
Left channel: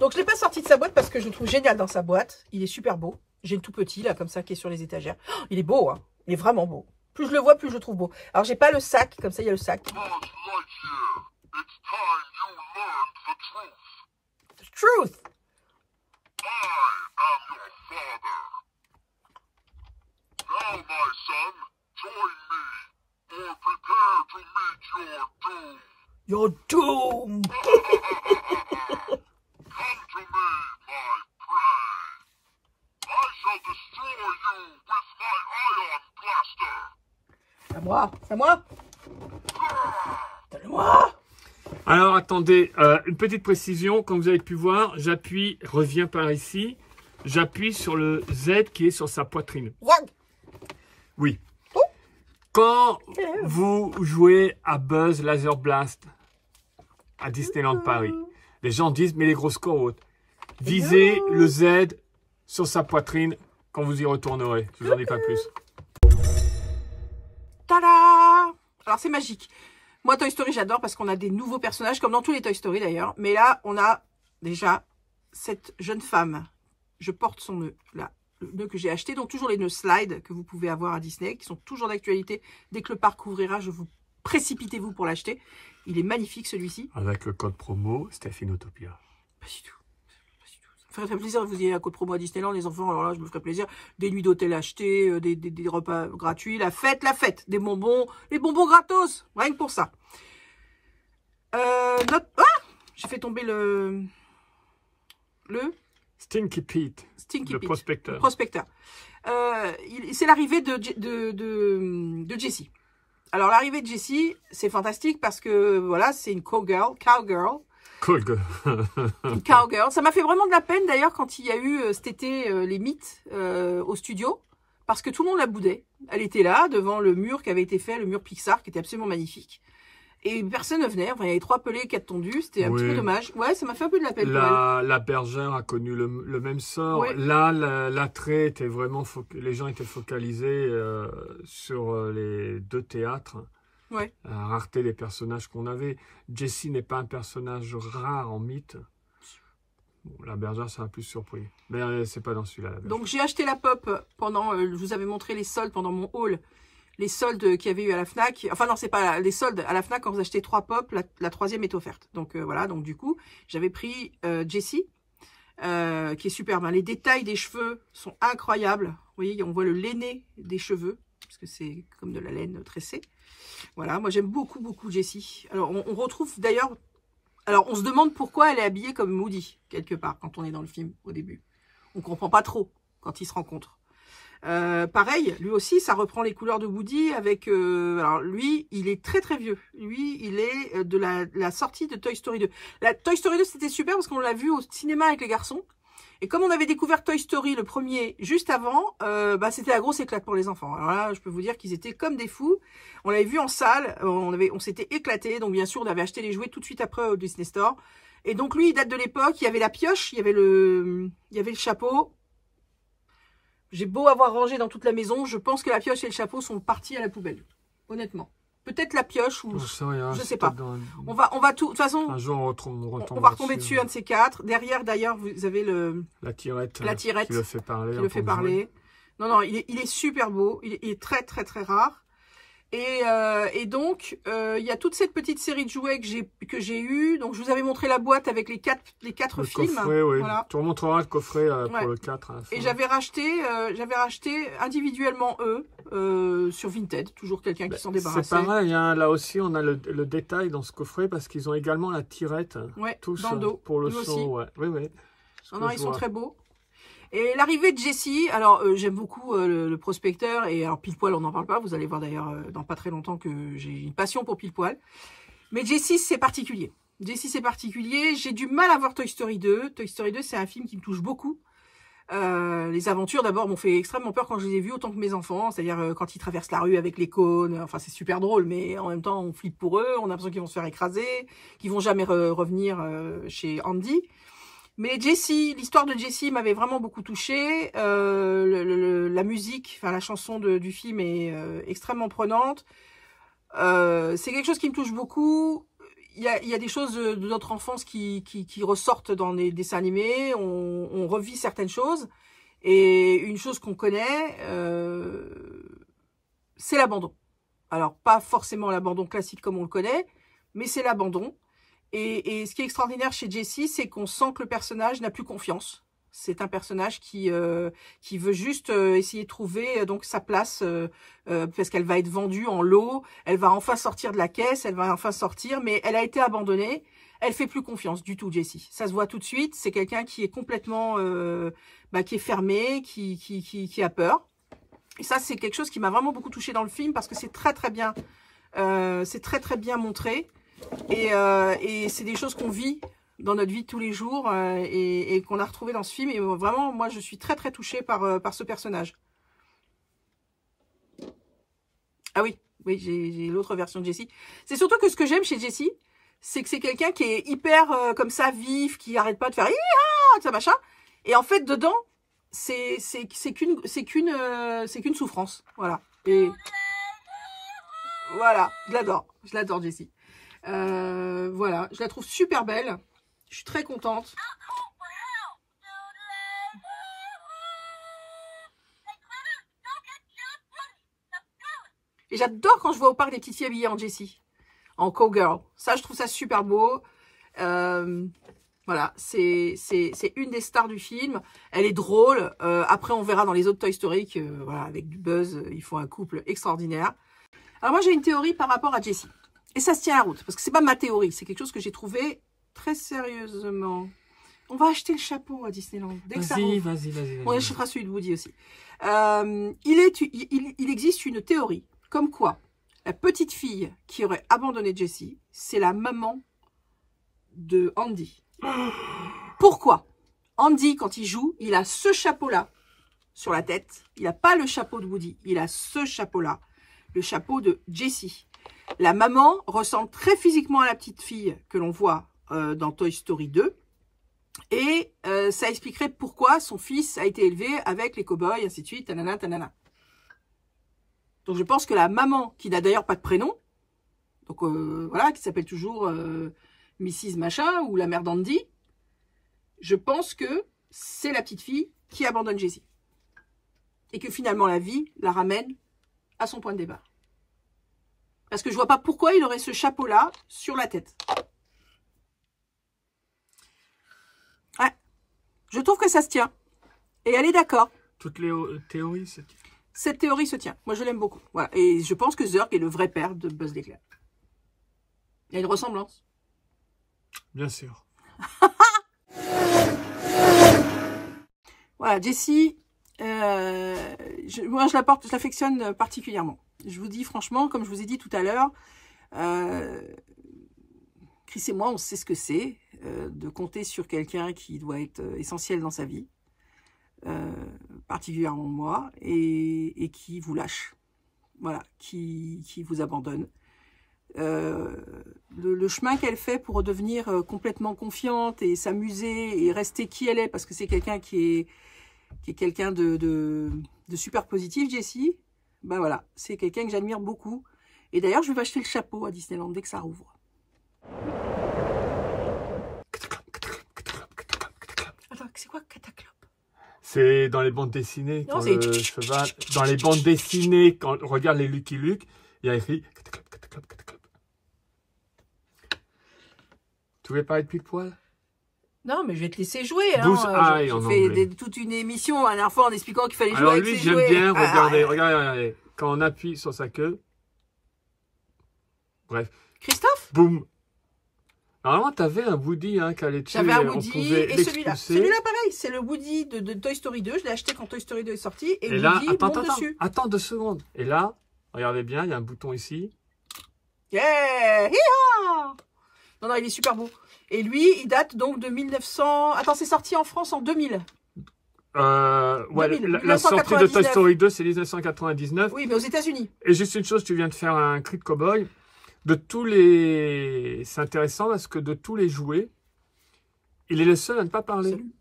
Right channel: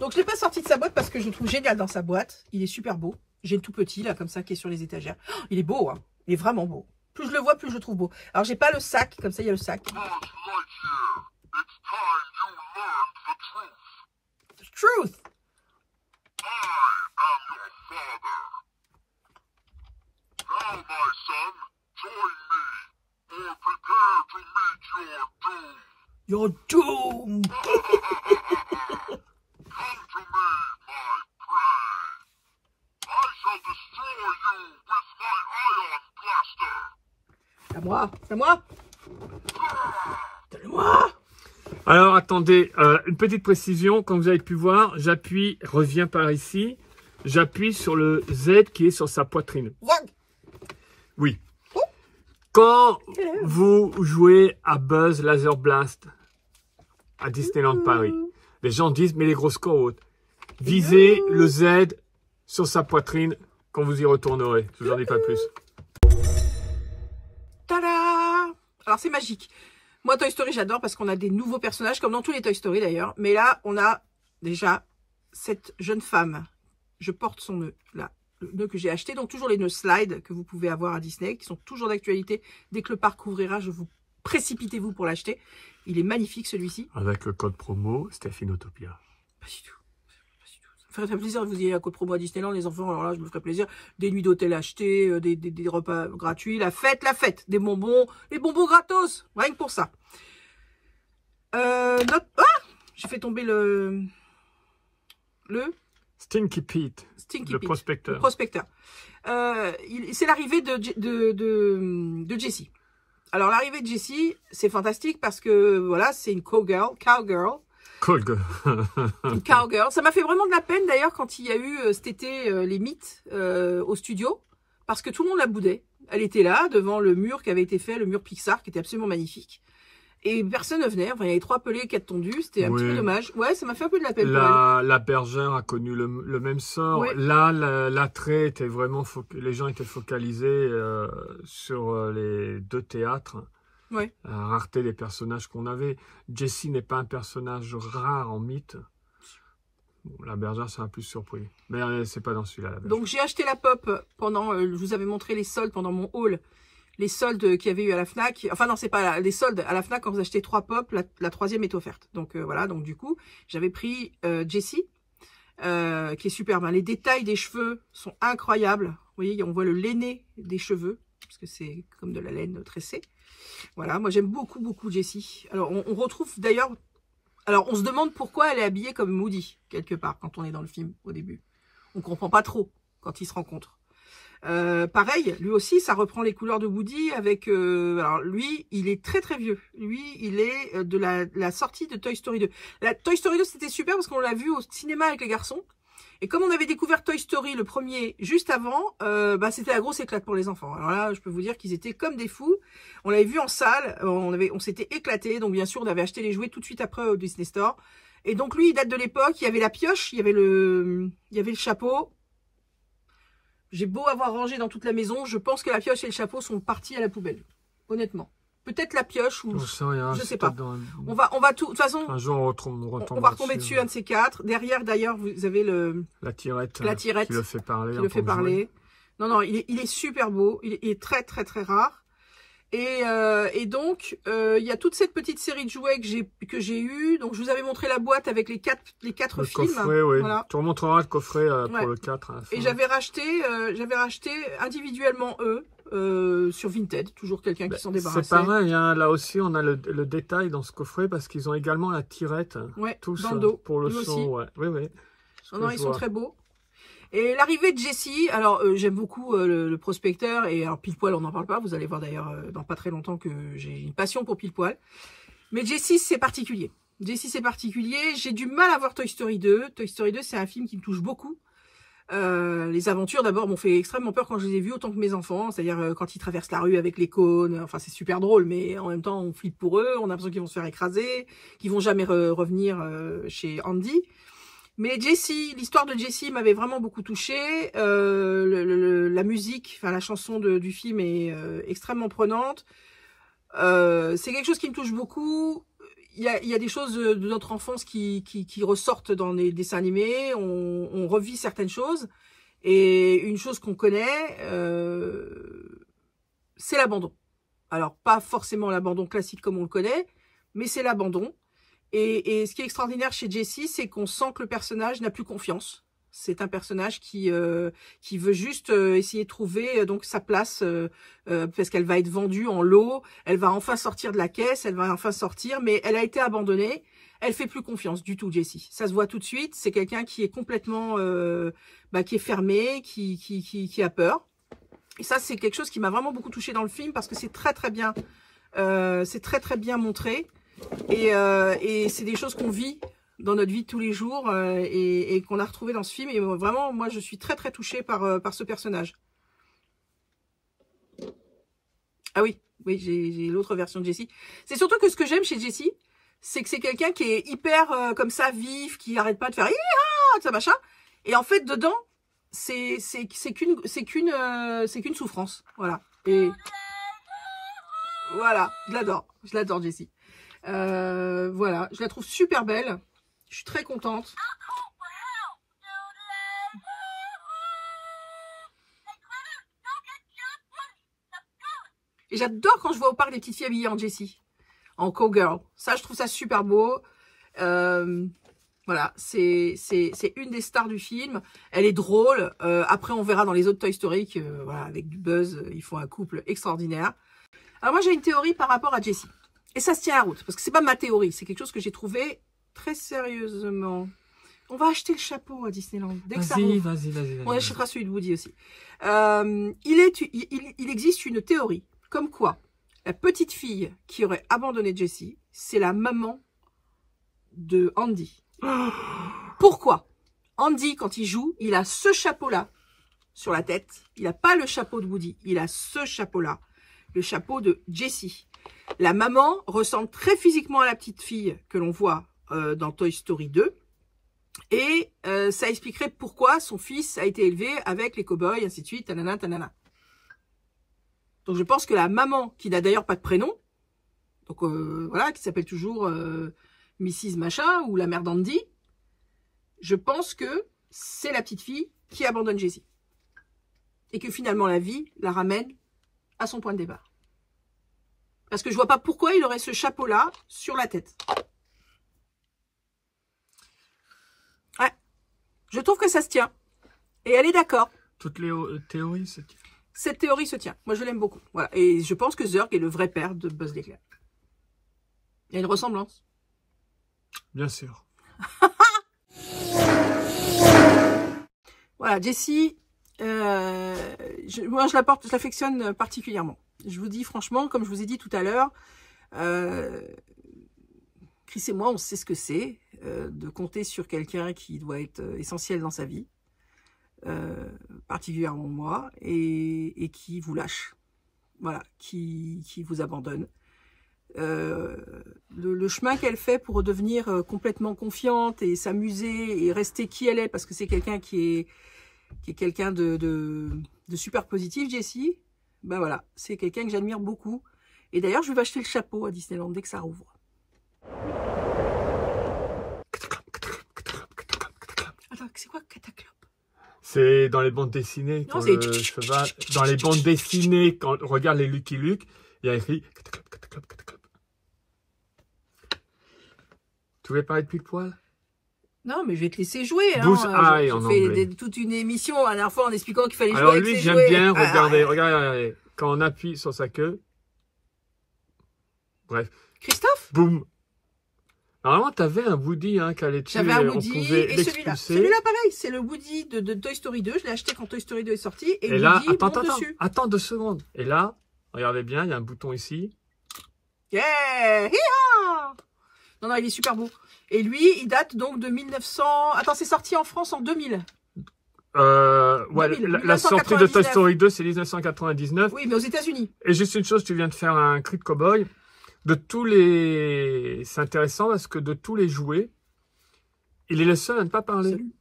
Donc, je ne l'ai pas sorti de sa boîte parce que je le trouve génial dans sa boîte. Il est super beau. J'ai le tout petit, là, comme ça, qui est sur les étagères. Oh, il est beau, hein. Il est vraiment beau. Plus je le vois, plus je le trouve beau. Alors, j'ai pas le sac. Comme ça, il y a le sac. The truth. Now, my son, join me, or prepare to meet your doom. Your doom. Come to me, my prey. I shall destroy you with my ion blaster. C'est à moi, c'est à moi. Donne-moi. Alors, attendez, une petite précision. Comme vous avez pu voir, j'appuie, reviens par ici. J'appuie sur le Z qui est sur sa poitrine. Oui. Quand vous jouez à Buzz Laser Blast à Disneyland Paris, les gens disent, mais les grosses côtes, visez le Z sur sa poitrine quand vous y retournerez. Je vous en dis pas plus. Tada! Alors, c'est magique. Moi, Toy Story, j'adore parce qu'on a des nouveaux personnages, comme dans tous les Toy Story d'ailleurs. Mais là, on a déjà cette jeune femme. Je porte son nœud, là. Le nœud que j'ai acheté. Donc, toujours les nœuds slide que vous pouvez avoir à Disney, qui sont toujours d'actualité. Dès que le parc ouvrira, précipitez-vous pour l'acheter. Il est magnifique, celui-ci. Avec le code promo, Stephinotopia. Pas du tout. Ça ferait plaisir que vous ayez un code promo à Disneyland, les enfants. Alors là, je me ferais plaisir. Des nuits d'hôtel achetées, des repas gratuits, la fête, des bonbons, les bonbons gratos. Rien que pour ça. Ah, j'ai fait tomber le Stinky Pete, Stinky le Pete, prospecteur. Le prospecteur. C'est l'arrivée de Jessie. Alors, l'arrivée de Jessie, c'est fantastique parce que, voilà, c'est une cowgirl. Cool girl. Une cowgirl. Ça m'a fait vraiment de la peine, d'ailleurs, quand il y a eu cet été les mythes au studio. Parce que tout le monde la boudait. Elle était là, devant le mur qui avait été fait, le mur Pixar, qui était absolument magnifique. Et personne ne venait. Enfin, il y avait 3 pelés, 4 tondus. C'était un petit peu dommage. Ouais, ça m'a fait un peu de la peine pour elle. La bergère a connu le même sort. Ouais. Là, l'attrait était vraiment... Les gens étaient focalisés sur les 2 théâtres. Ouais. La rareté des personnages qu'on avait. Jessie n'est pas un personnage rare en mythe. Bon, la bergère, ça m'a plus surpris. Mais c'est pas dans celui-là. Donc, j'ai acheté la pop pendant... je vous avais montré les soldes pendant mon haul. Les soldes qu'il y avait eu à la FNAC. Enfin, non, c'est pas les soldes. À la FNAC, quand vous achetez 3 pop, la 3e est offerte. Donc, voilà. Donc, du coup, j'avais pris Jessie, qui est superbe. Les détails des cheveux sont incroyables. Vous voyez, on voit le lainé des cheveux, parce que c'est comme de la laine tressée. Voilà, moi, j'aime beaucoup, beaucoup Jessie. Alors, on retrouve d'ailleurs... Alors, on se demande pourquoi elle est habillée comme Woody, quelque part, quand on est dans le film, au début. On comprend pas trop quand ils se rencontrent. Pareil, lui aussi, ça reprend les couleurs de Woody avec... alors, lui, il est très, très vieux. Lui, il est de la sortie de Toy Story 2. La Toy Story 2, c'était super parce qu'on l'a vu au cinéma avec les garçons. Et comme on avait découvert Toy Story, le premier, juste avant, c'était la grosse éclate pour les enfants. Alors là, je peux vous dire qu'ils étaient comme des fous. On l'avait vu en salle, on s'était éclaté. Donc, bien sûr, on avait acheté les jouets tout de suite après au Disney Store. Et donc, lui, il date de l'époque. Il y avait la pioche, il y avait le chapeau. J'ai beau avoir rangé dans toute la maison, je pense que la pioche et le chapeau sont partis à la poubelle. Honnêtement. Peut-être la pioche ou... Je sais pas. On va tout... De toute façon, un jour, on va retomber dessus, un de ces 4. Derrière, d'ailleurs, vous avez la tirette qui le fait parler. Non, il est super beau. Il est très, très, très rare. Et donc, il y a toute cette petite série de jouets que j'ai eu. Donc, je vous avais montré la boîte avec les quatre films. Coffret, oui. Voilà. Tu remontreras le coffret pour le 4. Et j'avais racheté individuellement sur Vinted. Toujours quelqu'un qui s'en débarrassait. C'est pareil, hein, là aussi, on a le détail dans ce coffret parce qu'ils ont également la tirette. Tous, dans le dos. Pour le son. Ouais. Oui. Non, ils sont très beaux. Et l'arrivée de Jessie, alors j'aime beaucoup le prospecteur, et alors Pile Poil on n'en parle pas, vous allez voir d'ailleurs dans pas très longtemps que j'ai une passion pour Pile Poil. Mais Jessie c'est particulier. J'ai du mal à voir Toy Story 2. Toy Story 2 c'est un film qui me touche beaucoup. Les aventures d'abord m'ont fait extrêmement peur quand je les ai vus autant que mes enfants, c'est-à-dire quand ils traversent la rue avec les cônes, enfin c'est super drôle, mais en même temps on flippe pour eux, on a l'impression qu'ils vont se faire écraser, qu'ils vont jamais revenir chez Andy. Mais Jessie, l'histoire de Jessie m'avait vraiment beaucoup touchée. La musique, enfin la chanson du film est extrêmement prenante. C'est quelque chose qui me touche beaucoup. Il y a des choses de notre enfance qui ressortent dans les dessins animés. On revit certaines choses. Et une chose qu'on connaît, c'est l'abandon. Alors, pas forcément l'abandon classique comme on le connaît, mais c'est l'abandon. Et ce qui est extraordinaire chez Jessie, c'est qu'on sent que le personnage n'a plus confiance. C'est un personnage qui veut juste essayer de trouver donc sa place parce qu'elle va être vendue en lot. Elle va enfin sortir de la caisse, elle va enfin sortir, mais elle a été abandonnée. Elle fait plus confiance du tout, Jessie. Ça se voit tout de suite. C'est quelqu'un qui est complètement, qui est fermé, qui a peur. Et ça, c'est quelque chose qui m'a vraiment beaucoup touchée dans le film parce que c'est très très bien, montré. Et c'est des choses qu'on vit dans notre vie de tous les jours et qu'on a retrouvé dans ce film. Et vraiment, moi, je suis très très touchée par ce personnage. Ah oui, j'ai l'autre version de Jessie. C'est surtout que ce que j'aime chez Jessie, c'est que c'est quelqu'un qui est hyper comme ça, vif, qui arrête pas de faire ça machin. Et en fait, dedans, c'est qu'une souffrance. Voilà. Et voilà, je l'adore Jessie. Voilà, je la trouve super belle. Je suis très contente. Et j'adore quand je vois au parc des petites filles habillées en Jessie, en cowgirl. Ça, je trouve ça super beau. Voilà, c'est une des stars du film. Elle est drôle. Après, on verra dans les autres Toy Story que, voilà, avec du Buzz, ils font un couple extraordinaire. Alors moi, j'ai une théorie par rapport à Jessie. Et ça se tient à la route, parce que c'est pas ma théorie. C'est quelque chose que j'ai trouvé très sérieusement. On va acheter le chapeau à Disneyland. Dès que ça rouvre. Vas-y. On achètera celui de Woody aussi. Il existe une théorie, comme quoi la petite fille qui aurait abandonné Jessie, c'est la maman de Andy. Pourquoi? Andy, quand il joue, il a ce chapeau-là sur la tête. Il n'a pas le chapeau de Woody. Il a ce chapeau-là, le chapeau de Jessie. La maman ressemble très physiquement à la petite fille que l'on voit dans Toy Story 2. Et ça expliquerait pourquoi son fils a été élevé avec les cow-boys, ainsi de suite, tanana, tanana. Donc je pense que la maman, qui n'a d'ailleurs pas de prénom, donc voilà, qui s'appelle toujours Mrs. Machin ou la mère d'Andy, je pense que c'est la petite fille qui abandonne Jessie. Et que finalement la vie la ramène à son point de départ. Parce que je vois pas pourquoi il aurait ce chapeau-là sur la tête. Ouais. Je trouve que ça se tient. Et elle est d'accord. Toutes les théories se tiennent. Cette théorie se tient. Moi, je l'aime beaucoup. Voilà. Et je pense que Zurg est le vrai père de Buzz l'éclair. Il y a une ressemblance. Bien sûr. Voilà, Jessie, moi, je l'affectionne particulièrement. Je vous dis franchement, comme je vous ai dit tout à l'heure, Chris et moi, on sait ce que c'est de compter sur quelqu'un qui doit être essentiel dans sa vie, particulièrement moi, et qui vous lâche, voilà, qui vous abandonne. Le chemin qu'elle fait pour redevenir complètement confiante et s'amuser et rester qui elle est, parce que c'est quelqu'un qui est quelqu'un de super positif, Jessie. Ben voilà, c'est quelqu'un que j'admire beaucoup. Et d'ailleurs, je vais acheter le chapeau à Disneyland dès que ça rouvre. Attends, c'est quoi cataclope? C'est dans les bandes dessinées. Non, quand le cheval, dans les bandes dessinées, quand on regarde les Lucky Luke, il y a écrit cataclope, cataclope, cataclope. Tu voulais parler de Pile Poil? Non, mais je vais te laisser jouer. J'ai fait toute une émission la dernière fois en expliquant qu'il fallait jouer. Alors lui, j'aime bien. Regardez. Quand on appuie sur sa queue. Bref. Christophe? Boum. Normalement, tu avais un Woody qui allait dessus. J'avais un Woody et celui-là. Celui-là, pareil, c'est le Woody de Toy Story 2. Je l'ai acheté quand Toy Story 2 est sorti. Et là, Woody dessus. Attends 2 secondes. Et là, regardez bien, il y a un bouton ici. Yeah! Non, il est super beau. Et lui, il date donc de 1900... Attends, c'est sorti en France en 2000. Ouais, 2000, la sortie de Toy Story 2, c'est 1999. Oui, mais aux États-Unis. Et juste une chose, tu viens de faire un cri de cow-boy. C'est intéressant parce que de tous les jouets, il est le seul à ne pas parler. Salut.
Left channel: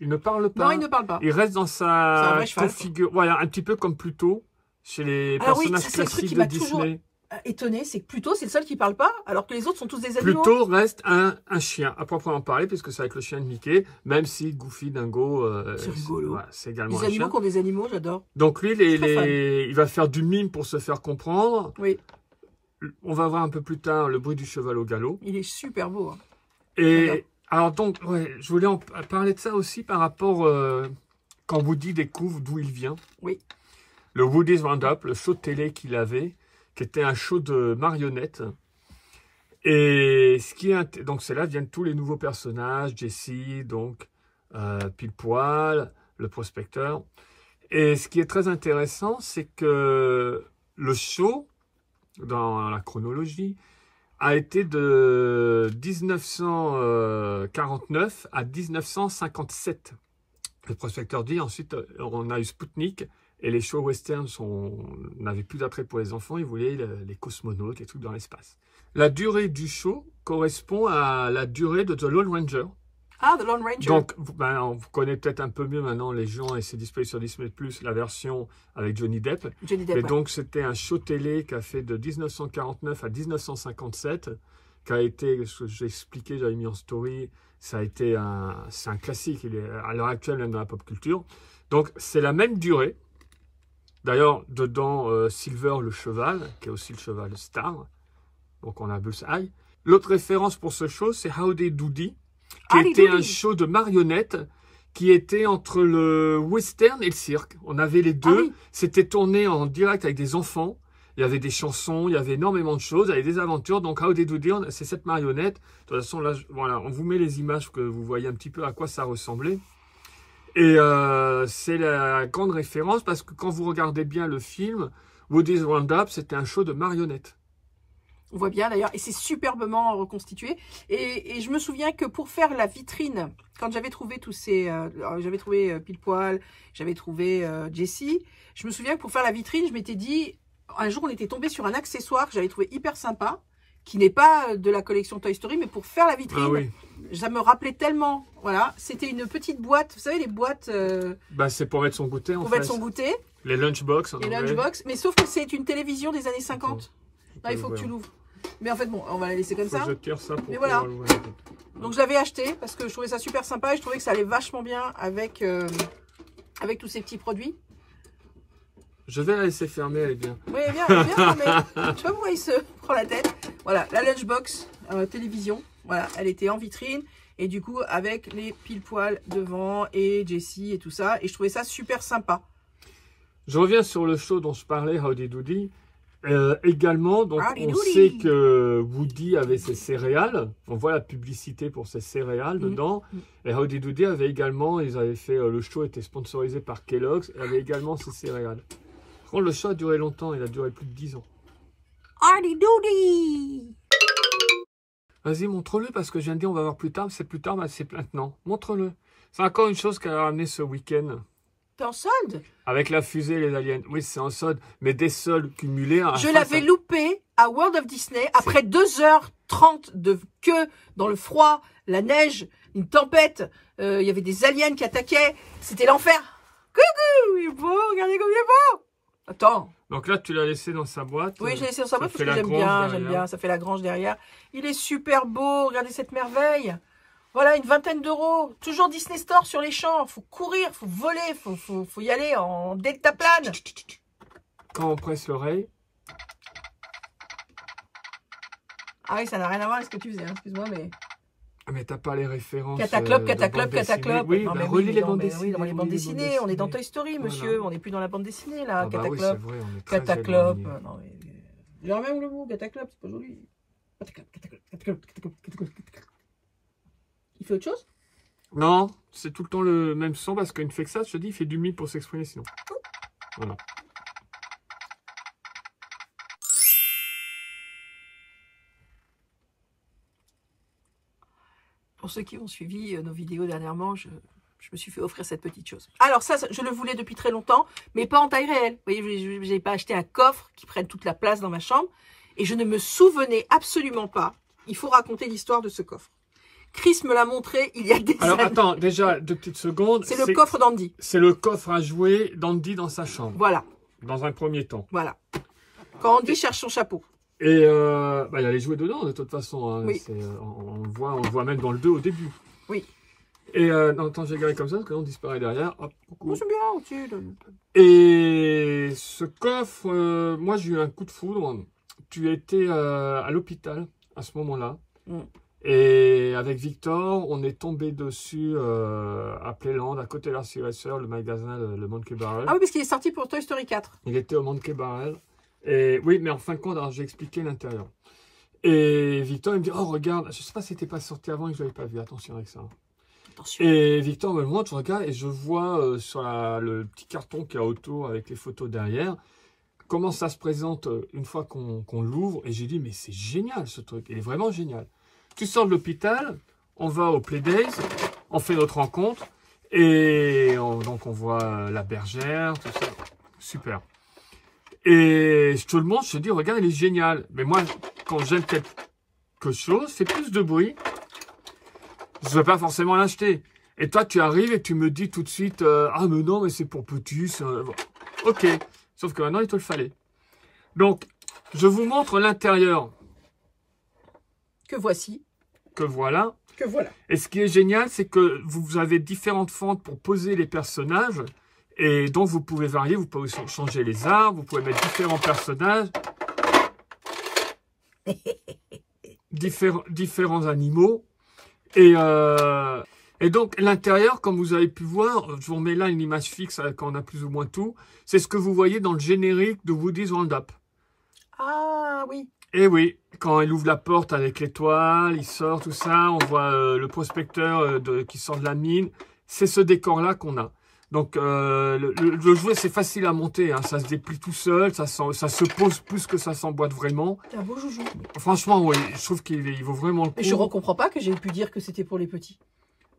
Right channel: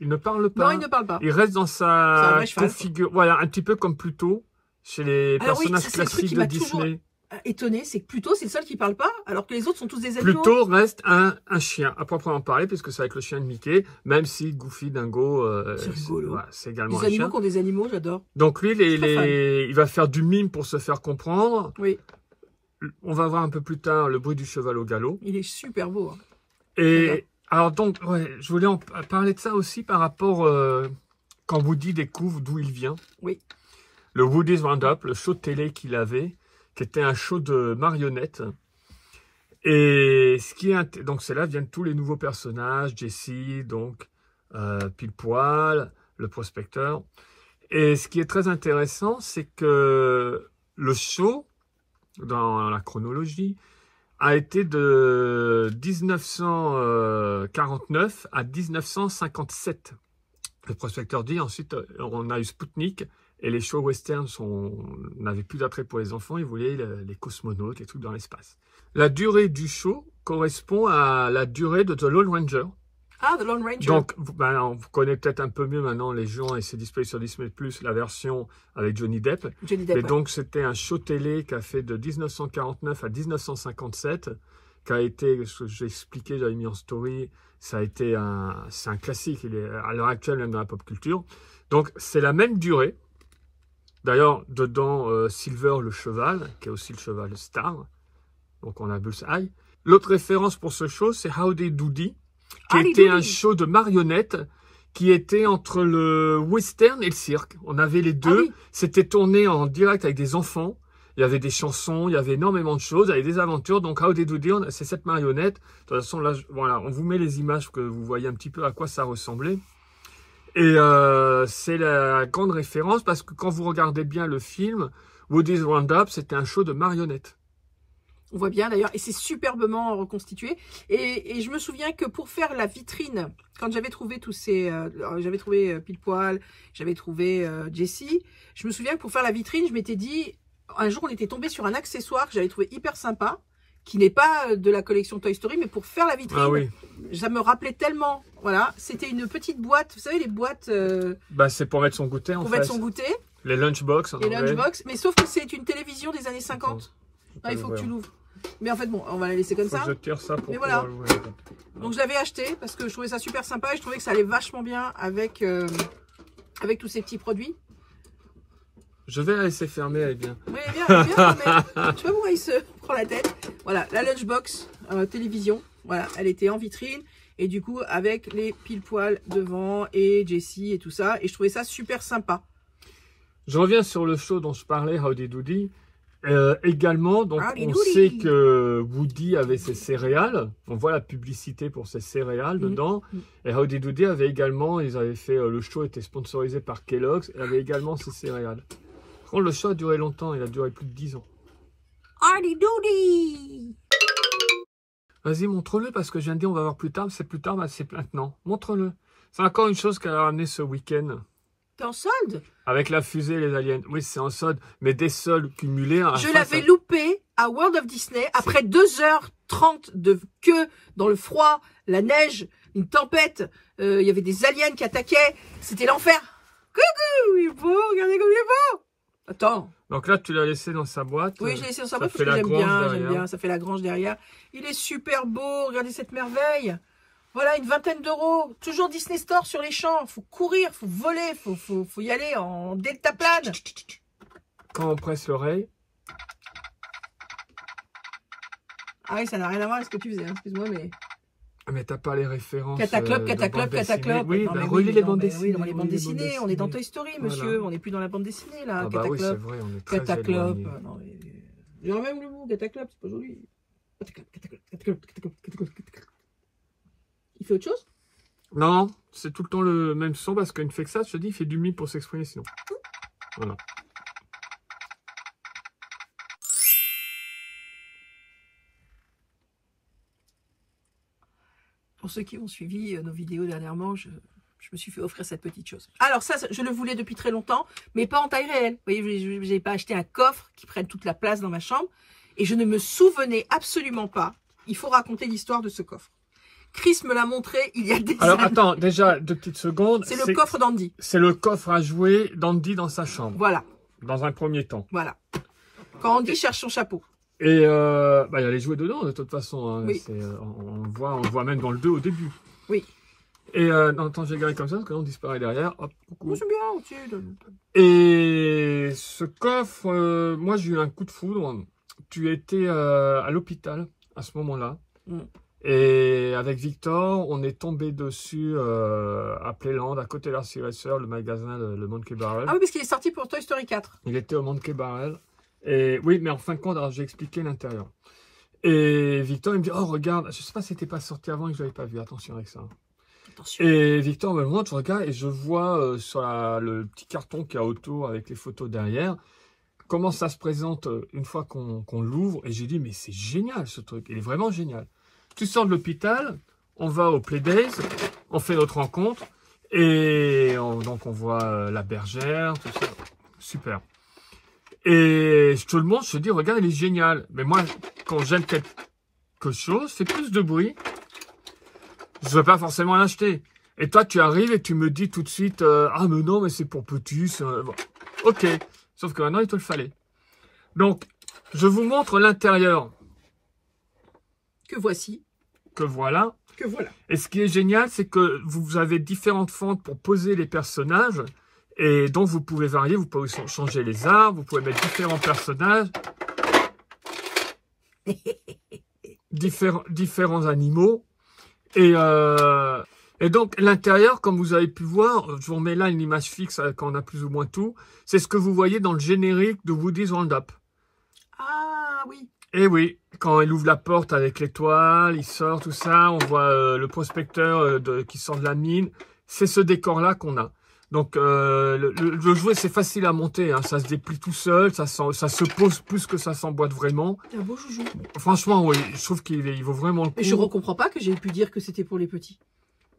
Il ne parle pas. Non, il ne parle pas. Il reste dans sa configuration. Voilà, un petit peu comme Pluto, chez les personnages classiques de Disney. Étonné, c'est que Pluto, c'est le seul qui parle pas, alors que les autres sont tous des animaux. Pluto reste un chien, à proprement parler, puisque c'est avec le chien de Mickey, même si Goofy, Dingo, c'est également un chien. Les animaux qui ont des animaux, j'adore. Donc lui, il va faire du mime pour se faire comprendre. Oui. On va voir un peu plus tard le bruit du cheval au galop. Il est super beau. Hein. Et Alors donc, ouais, je voulais parler de ça aussi par rapport quand Woody découvre d'où il vient. Oui. Le Woody's Roundup, le show de télé qu'il avait, qui était un show de marionnettes. Et ce qui est donc c'est là viennent tous les nouveaux personnages, Jesse, donc Pile Poil, le prospecteur. Et ce qui est très intéressant, c'est que le show, dans la chronologie, a été de 1949 à 1957. Le prospecteur dit, ensuite on a eu Spoutnik, et les shows westerns n'avaient plus d'attrait pour les enfants, ils voulaient les cosmonautes, les trucs dans l'espace. La durée du show correspond à la durée de The Lone Ranger. Ah, The Lone Ranger. Donc, on vous connaît peut-être un peu mieux maintenant les gens, et c'est disponible sur Disney+, la version avec Johnny Depp. Johnny Depp, Et ouais. donc, c'était un show télé qui a fait de 1949 à 1957, qui a été, ce que j'ai expliqué, j'avais mis en story, c'est un classique, il est à l'heure actuelle même dans la pop culture. Donc, c'est la même durée. D'ailleurs, dedans, Silver le cheval, qui est aussi le cheval star. Donc, on a Bullseye. L'autre référence pour ce show, c'est Howdy Doody, qui était un show de marionnettes qui était entre le western et le cirque. On avait les deux. Oui. C'était tourné en direct avec des enfants. Il y avait des chansons, il y avait énormément de choses, il y avait des aventures. Donc, Howdy Doody, c'est cette marionnette. De toute façon, là, voilà, on vous met les images pour que vous voyez un petit peu à quoi ça ressemblait. Et c'est la grande référence parce que quand vous regardez bien le film, Woody's Roundup, c'était un show de marionnettes. On voit bien d'ailleurs, et c'est superbement reconstitué. Et je me souviens que pour faire la vitrine, quand j'avais trouvé tous ces... j'avais trouvé Pile Poil, j'avais trouvé Jessie, je me souviens que pour faire la vitrine, je m'étais dit... Un jour, on était tombé sur un accessoire que j'avais trouvé hyper sympa, qui n'est pas de la collection Toy Story, mais pour faire la vitrine, oui. Ça me rappelait tellement... Voilà, c'était une petite boîte, vous savez, les boîtes... c'est pour mettre son goûter, pour mettre son goûter. Les lunchbox. Les lunchbox, mais sauf que c'est une télévision des années 50. Il faut que tu l'ouvres. Mais en fait, bon, on va la laisser comme ça. Je tire ça pour voilà. l'ouvrir. Donc, je l'avais acheté parce que je trouvais ça super sympa et je trouvais que ça allait vachement bien avec, avec tous ces petits produits. Je vais la laisser fermer, elle est bien. Oui, elle est bien fermée. Je sais pas pourquoi il se prend la tête. Voilà, la lunchbox télévision. Voilà, elle était en vitrine. Et du coup, avec les Pile Poil devant et Jessie et tout ça. Et je trouvais ça super sympa. Je reviens sur le show dont je parlais, Howdy Doody. Également, donc on Doody. sait que Woody avait ses céréales. On voit la publicité pour ses céréales dedans. Et Howdy Doody avait également, ils avaient fait, le show était sponsorisé par Kellogg's, et avait également ses céréales. Bon, le show a duré longtemps, il a duré plus de 10 ans. Howdy Doody! Vas-y, montre-le, parce que je viens de dire, on va voir plus tard, c'est plus tard, mais c'est maintenant. Montre-le. C'est encore une chose qu'elle a ramené ce week-end. T'es en solde? Avec la fusée, les aliens. Oui, c'est en solde, mais des soldes cumulés. Je l'avais loupé à World of Disney après 2h30 de queue dans le froid, la neige, une tempête. Il y avait des aliens qui attaquaient. C'était l'enfer. Coucou, il est beau, regardez comme il est beau. Attends. Donc là, tu l'as laissé dans sa boîte. Oui, je l'ai laissé dans sa boîte parce fait que la j'aime bien. Ça fait la grange derrière. Il est super beau. Regardez cette merveille. Voilà, une vingtaine d'euros. Toujours Disney Store sur les champs. Faut courir, faut voler, faut y aller en deltaplane. Quand on presse l'oreille. Ah oui, ça n'a rien à voir avec ce que tu faisais, hein. Excuse-moi, mais... Ah, mais t'as pas les références. Cataclope. Oui, Non, mais relis les bandes mais dessinées. Oui, dans les bandes dessinées. On est dans Toy Story, monsieur. Voilà. On n'est plus dans la bande dessinée, là. Ah bah oui, c'est vrai, on est très Cataclope. éloigné. Non, mais... J'ai même le mot, Cataclope, c'est pas joli. Cataclope. Il fait autre chose? Non, c'est tout le temps le même son parce qu'il ne fait que ça, je te dis, il fait du mi pour s'exprimer sinon. Voilà. Pour ceux qui ont suivi nos vidéos dernièrement, je me suis fait offrir cette petite chose. Alors ça, je le voulais depuis très longtemps, mais pas en taille réelle. Vous voyez, je n'ai pas acheté un coffre qui prenne toute la place dans ma chambre. Et je ne me souvenais absolument pas. Il faut raconter l'histoire de ce coffre. Chris me l'a montré il y a des Alors années. attends, déjà, 2 petites secondes. C'est le coffre d'Andy. C'est le coffre à jouer d'Andy dans sa chambre. Voilà. Dans un premier temps. Voilà. Quand Andy cherche son chapeau. Et il y a les jouets dedans de toute façon. Hein. Oui. On le voit même dans le 2 au début. Oui. Et attends, je vais garder comme ça parce que là on disparaît derrière. Hop, coucou. Oh, c'est bien au-dessus. Et ce coffre, moi j'ai eu un coup de foudre. Tu étais à l'hôpital à ce moment-là. Et avec Victor, on est tombé dessus à Playland, à côté de l'Arcy-Racer, le magasin, le Monkey Barrel. Ah oui, parce qu'il est sorti pour Toy Story 4. Il était au Monkey Barrel. Et oui, mais en fin de compte, alors j'ai expliqué l'intérieur. Et Victor, il me dit, oh regarde, je sais pas si c'était pas sorti avant et que je l'avais pas vu, attention avec ça. Attention. Et Victor me le montre, je regarde et je vois sur le petit carton qu'il y a autour avec les photos derrière, comment ça se présente une fois qu'on l'ouvre. Et j'ai dit, mais c'est génial ce truc, il est vraiment génial. Tu sors de l'hôpital, on va au Playdays, on fait notre rencontre, et donc on voit la bergère, tout ça, super. Et je te le montre, je te dis, regarde, il est génial. Mais moi, quand j'aime quelque chose, c'est plus de bruit. Je ne vais pas forcément l'acheter. Et toi, tu arrives et tu me dis tout de suite, ah mais non, mais c'est pour petit. Bon. Ok, sauf que maintenant, il te le fallait. Donc, je vous montre l'intérieur. Que voici. Que voilà. Que voilà. Et ce qui est génial, c'est que vous avez différentes fentes pour poser les personnages. Et donc, vous pouvez varier, vous pouvez changer les arbres, vous pouvez mettre différents personnages. différents animaux. Et donc, l'intérieur, comme vous avez pu voir, je vous remets là une image fixe quand on a plus ou moins tout. C'est ce que vous voyez dans le générique de Woody's Roundup. Ah oui. Et oui, quand il ouvre la porte avec l'étoile, il sort, tout ça, on voit le prospecteur qui sort de la mine. C'est ce décor-là qu'on a. Donc, le jouet, c'est facile à monter. Hein. Ça se déplie tout seul, ça se pose plus que ça s'emboîte vraiment. C'est un beau joujou. Franchement, oui, je trouve qu'il vaut vraiment le coup. Je ne comprends pas que j'ai pu dire que c'était pour les petits.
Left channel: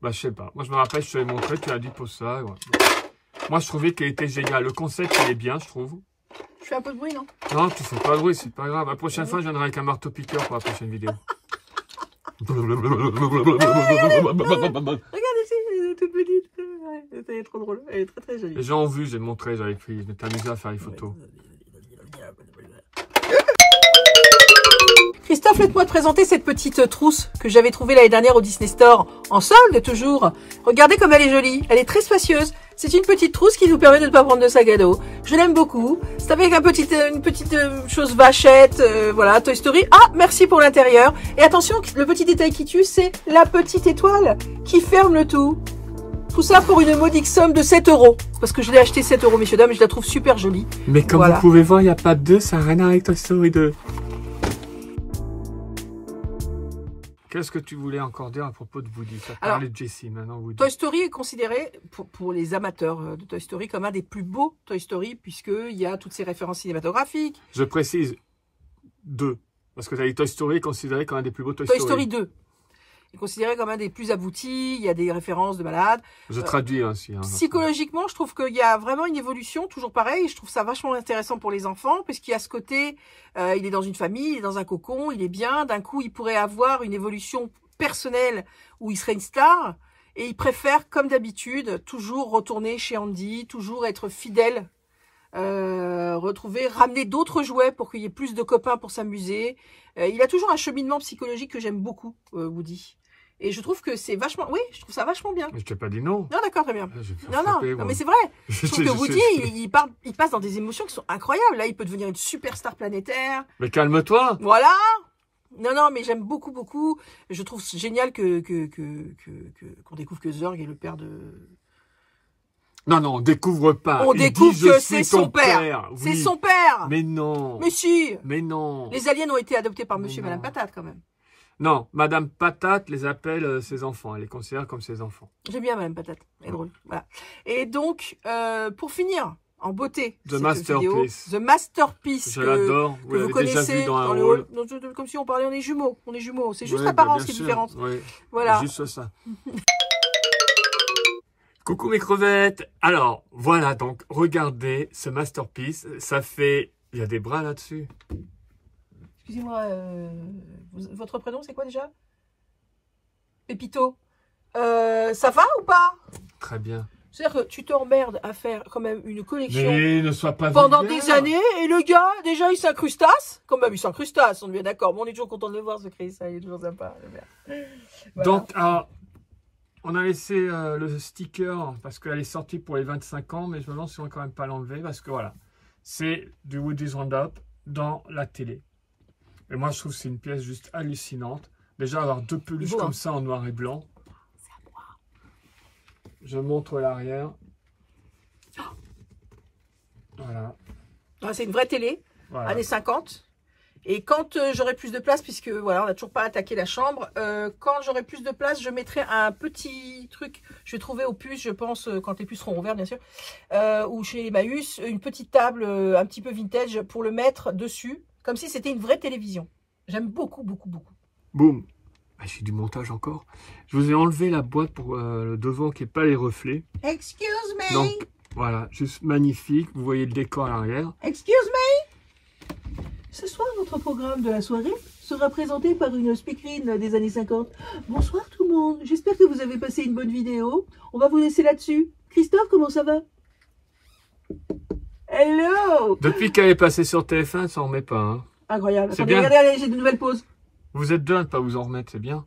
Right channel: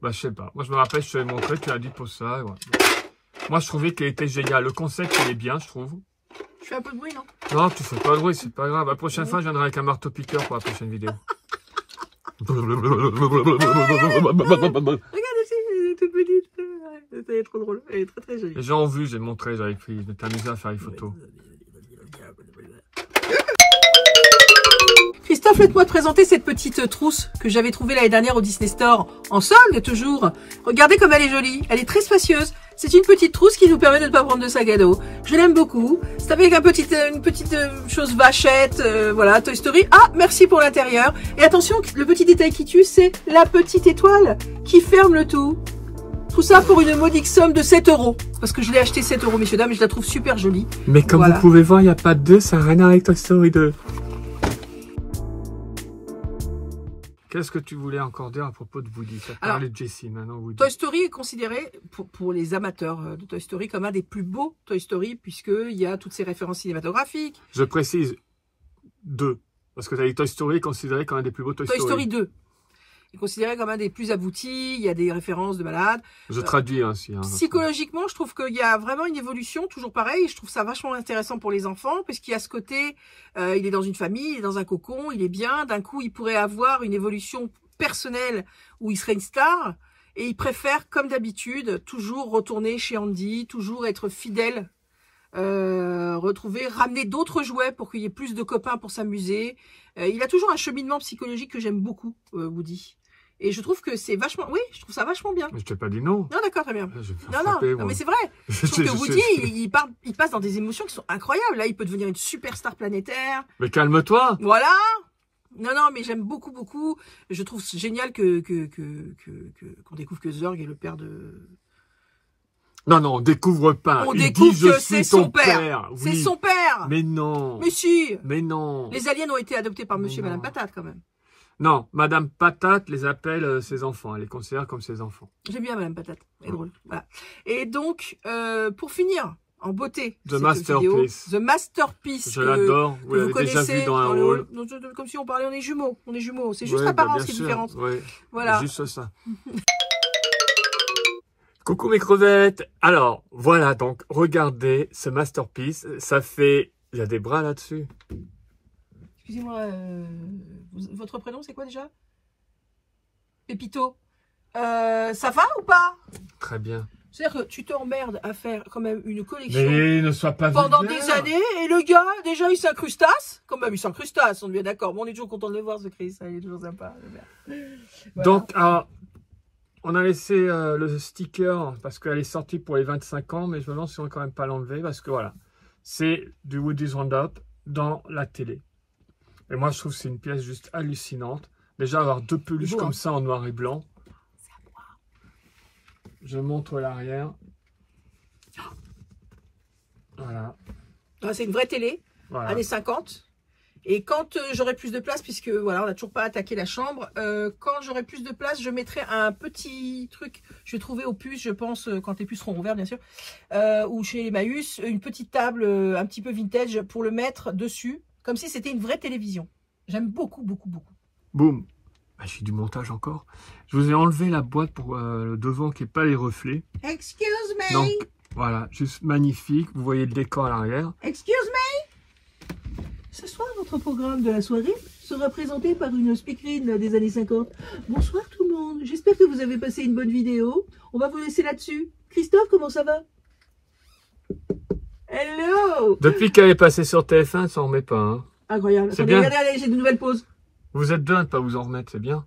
Bah, je sais pas. Moi, je me rappelle, je te l'ai montré, tu as dit pour ça. Ouais. Moi, je trouvais qu'il était génial. Le concept, il est bien, je trouve. Je fais un peu de bruit, non? Non, tu fais pas de bruit, c'est pas grave. La prochaine fois, je viendrai avec un marteau-piqueur pour la prochaine vidéo. Regarde ici, elle est toute petite. Elle est trop drôle. Elle est très très jolie. Les gens ont vu, j'ai montré, j'avais pris. Je m'étais amusé à faire les photos. Christophe, laisse-moi te présenter cette petite trousse que j'avais trouvée l'année dernière au Disney Store. En solde, toujours. Regardez comme elle est jolie. Elle est très spacieuse. C'est une petite trousse qui nous permet de ne pas prendre de sac à dos. Je l'aime beaucoup. C'est avec une petite chose vachette. Voilà, Toy Story. Ah, merci pour l'intérieur. Et attention, le petit détail qui tue, c'est la petite étoile qui ferme le tout. Tout ça pour une modique somme de 7 €. Parce que je l'ai acheté 7 €, messieurs, dames, et je la trouve super jolie. Mais comme voilà. Vous pouvez voir, il n'y a pas de 2, ça n'a rien à voir avec Toy Story 2. Qu'est-ce que tu voulais encore dire à propos de Woody? Tu as parlé de Jessie, maintenant Woody. Toy Story est considéré, pour les amateurs de Toy Story, comme un des plus beaux Toy Story, puisqu'il y a toutes ces références cinématographiques. Je précise 2, parce que tu as dit Toy Story est considéré comme un des plus beaux Toy Story. Toy Story 2 est considéré comme un des plus aboutis, il y a des références de malades. Je traduis ainsi. Hein, psychologiquement, je trouve qu'il y a vraiment une évolution, toujours pareil, je trouve ça vachement intéressant pour les enfants, puisqu'il y a ce côté, il est dans une famille, il est dans un cocon, il est bien, d'un coup il pourrait avoir une évolution personnelle où il serait une star, et il préfère, comme d'habitude, toujours retourner chez Andy, toujours être fidèle, ramener d'autres jouets pour qu'il y ait plus de copains pour s'amuser. Il a toujours un cheminement psychologique que j'aime beaucoup, Woody. Et je trouve que c'est vachement... Oui, je trouve ça vachement bien. Mais je t'ai pas dit non. Non, d'accord, très bien. Non, mais c'est vrai. Je trouve que Woody, il passe dans des émotions qui sont incroyables. Là, il peut devenir une superstar planétaire. Mais calme-toi. Voilà. Non, mais j'aime beaucoup, beaucoup. Je trouve génial qu'on découvre que Zurg est le père de... Non, on découvre pas. On découvre que c'est son père. Oui. C'est son père. Mais non. Mais si. Mais non. Les aliens ont été adoptés par monsieur et madame Patate, quand même. Non, Madame Patate les appelle ses enfants. Elle les considère comme ses enfants. J'aime bien Madame Patate. Elle est drôle. Voilà. Et donc, pour finir, en beauté, The Masterpiece. The Masterpiece. Je l'adore. Vous connaissez déjà vu dans un rôle. Comme si on parlait, on est jumeaux. On est jumeaux. C'est juste ouais, l'apparence qui est différente. Oui. Voilà. Juste ça. Coucou mes crevettes. Alors, voilà, donc, regardez ce Masterpiece. Ça fait... Il y a des bras là-dessus. Excusez-moi, votre prénom, c'est quoi déjà? Pépito. Ça va ou pas? Très bien. C'est-à-dire que tu t'emmerdes à faire quand même une collection Mais ne sois pas pendant vulgaire. des années, et le gars, déjà, il s'incrustasse. Quand même, il s'incrustasse, on est bien d'accord. Bon, on est toujours content de le voir, ce Chris, il est toujours sympa. Voilà. Donc, on a laissé le sticker parce qu'elle est sortie pour les 25 ans, mais je me demande si on ne va quand même pas l'enlever parce que voilà, c'est du Woody's Roundup dans la télé. Et moi, je trouve que c'est une pièce juste hallucinante. Déjà, avoir deux peluches Beau, comme hein. ça en noir et blanc. Je montre l'arrière. Voilà. Ah, c'est une vraie télé, Voilà. années 50. Et quand j'aurai plus de place, puisque voilà, on n'a toujours pas attaqué la chambre, quand j'aurai plus de place, je mettrai un petit truc, je vais trouver au puces, je pense, quand les puces seront ouvertes, bien sûr, ou chez Emmaüs, une petite table un petit peu vintage pour le mettre dessus, comme si c'était une vraie télévision. J'aime beaucoup, beaucoup, beaucoup. Boum. Ah, j'ai du montage encore. Je vous ai enlevé la boîte pour le devant qui n'est pas les reflets. Excuse me. Donc, voilà, juste magnifique. Vous voyez le décor à l'arrière. Excuse me. Ce soir, votre programme de la soirée sera présenté par une speakerine des années 50. Bonsoir tout le monde. J'espère que vous avez passé une bonne vidéo. On va vous laisser là-dessus. Christophe, comment ça va? Hello. Depuis qu'elle est passée sur TF1, elle s'en remet pas. Hein. Incroyable. C'est Attendez, bien. regardez, allez, j'ai de nouvelles pauses. Vous êtes deux à ne pas vous en remettre, c'est bien.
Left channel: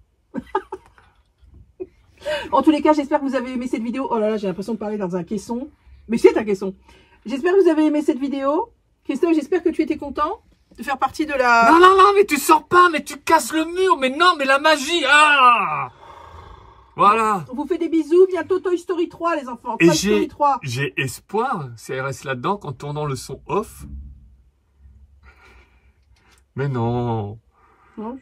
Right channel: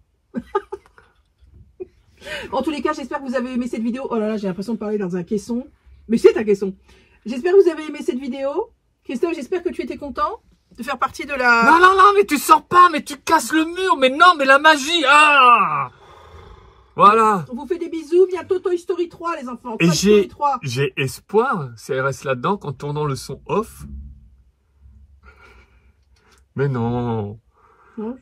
En tous les cas, j'espère que vous avez aimé cette vidéo. Oh là là, j'ai l'impression de parler dans un caisson. Mais c'est un caisson. J'espère que vous avez aimé cette vidéo. Christophe, j'espère que tu étais content de faire partie de la... Non, non, non, mais tu sors pas, mais tu casses le mur. Mais non, mais la magie. Ah, voilà. On vous fait des bisous. Bientôt Toy Story 3, les enfants. Et Toy Story 3. j'ai espoir, si elle reste là-dedans, qu'en tournant le son off. Mais non. Non,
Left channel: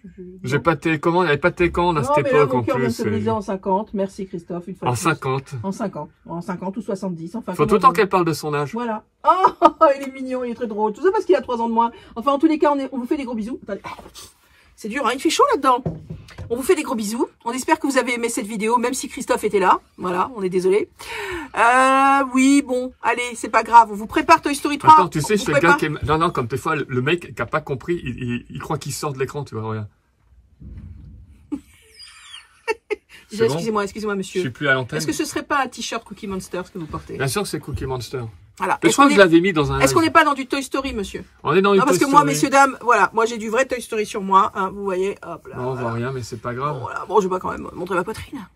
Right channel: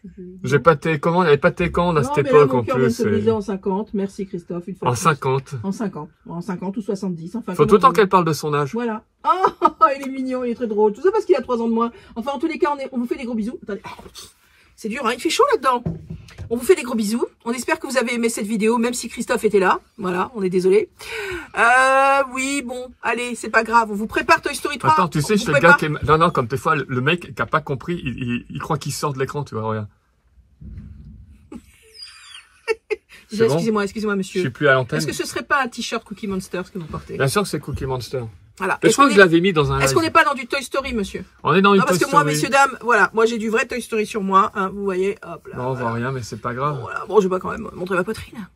J'ai pas de télécommande, il n'y avait pas de télécommande à cette mais là, époque mon en cœur vient de plus. se briser en 50. Merci Christophe. Une fois En de plus. 50. En 50. En 50 ou 70. Enfin, Faut comment tout le temps on- qu'elle parle de son âge. Voilà. Oh, il est mignon, il est très drôle. Tout ça parce qu'il a 3 ans de moins. Enfin, en tous les cas, on vous fait des gros bisous. Attendez. C'est dur, hein, il fait chaud là-dedans. On vous fait des gros bisous. On espère que vous avez aimé cette vidéo, même si Christophe était là. Voilà, on est désolé. Oui, bon, allez, c'est pas grave. On vous prépare Toy Story 3. Attends, tu sais, On je vous fais le gars prépare- qui est... Non, non, comme des fois, le mec qui a pas compris, il croit qu'il sort de l'écran, tu vois, regarde. C'est bon. Excusez-moi, Je monsieur. suis plus à l'antenne. Est-ce que ce serait pas un t-shirt Cookie Monster que vous portez? Bien sûr que c'est Cookie Monster. Voilà. Mais je crois que je l'avais mis dans un Est-ce qu'on live. n'est pas dans du Toy Story, monsieur? On est dans une Non, parce Toy que moi, Story. messieurs, dames, voilà, moi j'ai du vrai Toy Story sur moi, hein, vous voyez, hop là. Non, on voit rien, mais c'est pas grave. Voilà. Bon, je vais pas quand même montrer ma poitrine.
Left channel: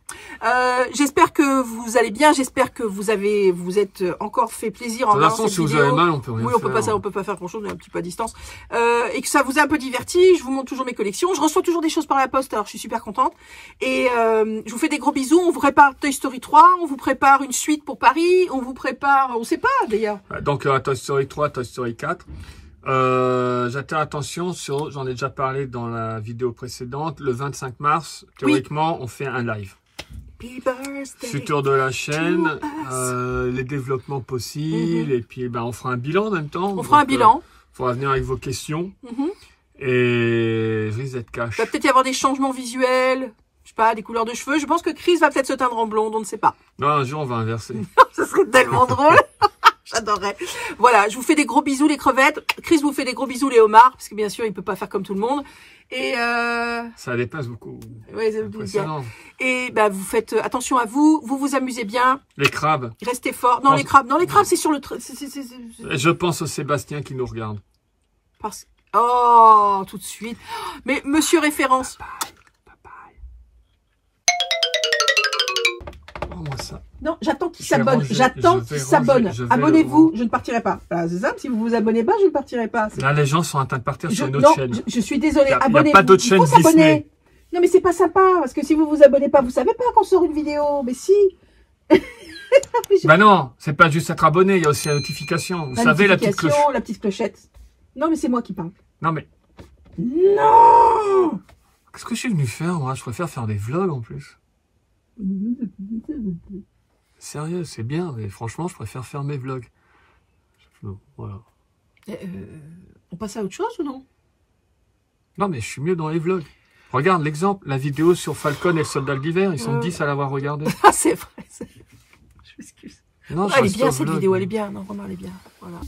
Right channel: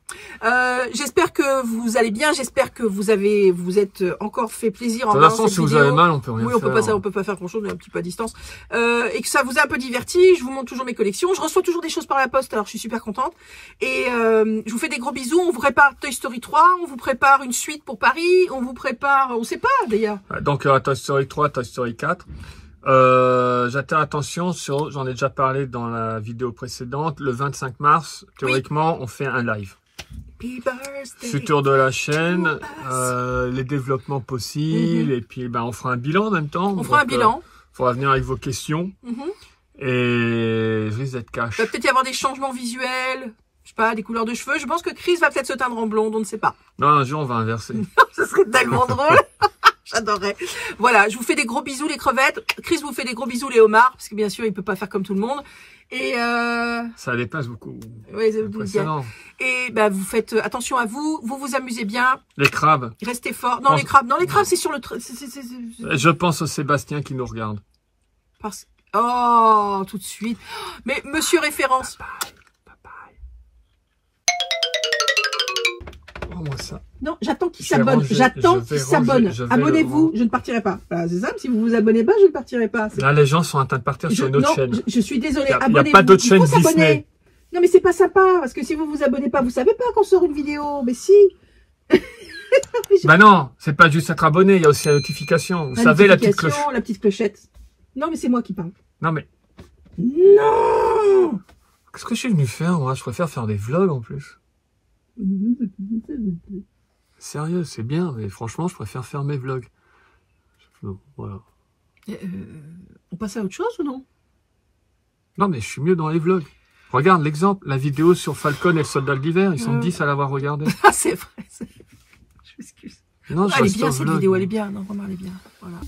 J'espère que vous allez bien, j'espère que vous êtes encore fait plaisir en De toute regardant façon, cette si vous vidéo. avez mal, on peut rien Oui, on peut faire. pas faire grand chose, on est un petit peu à distance. Et que ça vous a un peu diverti, je vous montre toujours mes collections, je reçois toujours des choses par la poste, alors je suis super contente. Et je vous fais des gros bisous, on vous prépare Toy Story 3, on vous prépare une suite pour Paris, on vous prépare, on sait pas d'ailleurs. Donc, Toy Story 3, Toy Story 4. J'attire attention sur, j'en ai déjà parlé dans la vidéo précédente, le 25 mars, théoriquement, on fait un live. Happy birthday. Futur de la chaîne, to les développements possibles, et puis on fera un bilan en même temps. On fera un bilan. Faudra venir avec vos questions. Et risque d'être cash. Il va peut-être y avoir des changements visuels, je sais pas, des couleurs de cheveux. Je pense que Chris va peut-être se teindre en blonde, on ne sait pas. Non, un jour on va inverser. Ce serait tellement drôle. J'adorerais. Voilà, je vous fais des gros bisous les crevettes. Chris vous fait des gros bisous les homards, parce que bien sûr il peut pas faire comme tout le monde. Et ça dépasse beaucoup. ouais, ça vous bien. Impressionnant. Et bah vous faites attention à vous, vous vous amusez bien, Les crabes. restez fort. Non, les crabes, c'est sur le Je pense au Sébastien qui nous regarde. parce oh, tout de suite. Mais monsieur référence. Oh, moi ça. Non, j'attends qu'il Je vais s'abonne. ranger, J'attends je vais qu'il s'abonne. ranger, je vais Abonnez-vous, le je ne partirai pas. Voilà, c'est ça. Si vous vous abonnez pas, je ne partirai pas. Là, les gens sont en train de partir sur une autre non, chaîne. je suis désolée. Il y a Abonnez-vous. pas d'autre Il faut chaîne s'abonner. Disney. Non, mais c'est pas sympa, parce que si vous vous abonnez pas, vous savez pas qu'on sort une vidéo. Mais si. Bah non, c'est pas juste être abonné, il y a aussi la notification. Vous savez, la petite cloche. La petite clochette. Non, mais c'est moi qui parle. Non, mais Non. qu'est-ce que je suis venu faire, moi? Je préfère faire des vlogs en plus. Sérieux, c'est bien, mais franchement, je préfère faire mes vlogs. Donc, voilà. On passe à autre chose ou non? Non, mais je suis mieux dans les vlogs. Regarde l'exemple, la vidéo sur Falcon et le soldat d'hiver, ils sont 10 à l'avoir regardé. Ah, c'est vrai. Je m'excuse. Non, je Elle est reste bien au cette vlog. vidéo, elle est bien. Non, vraiment, elle est bien. Voilà.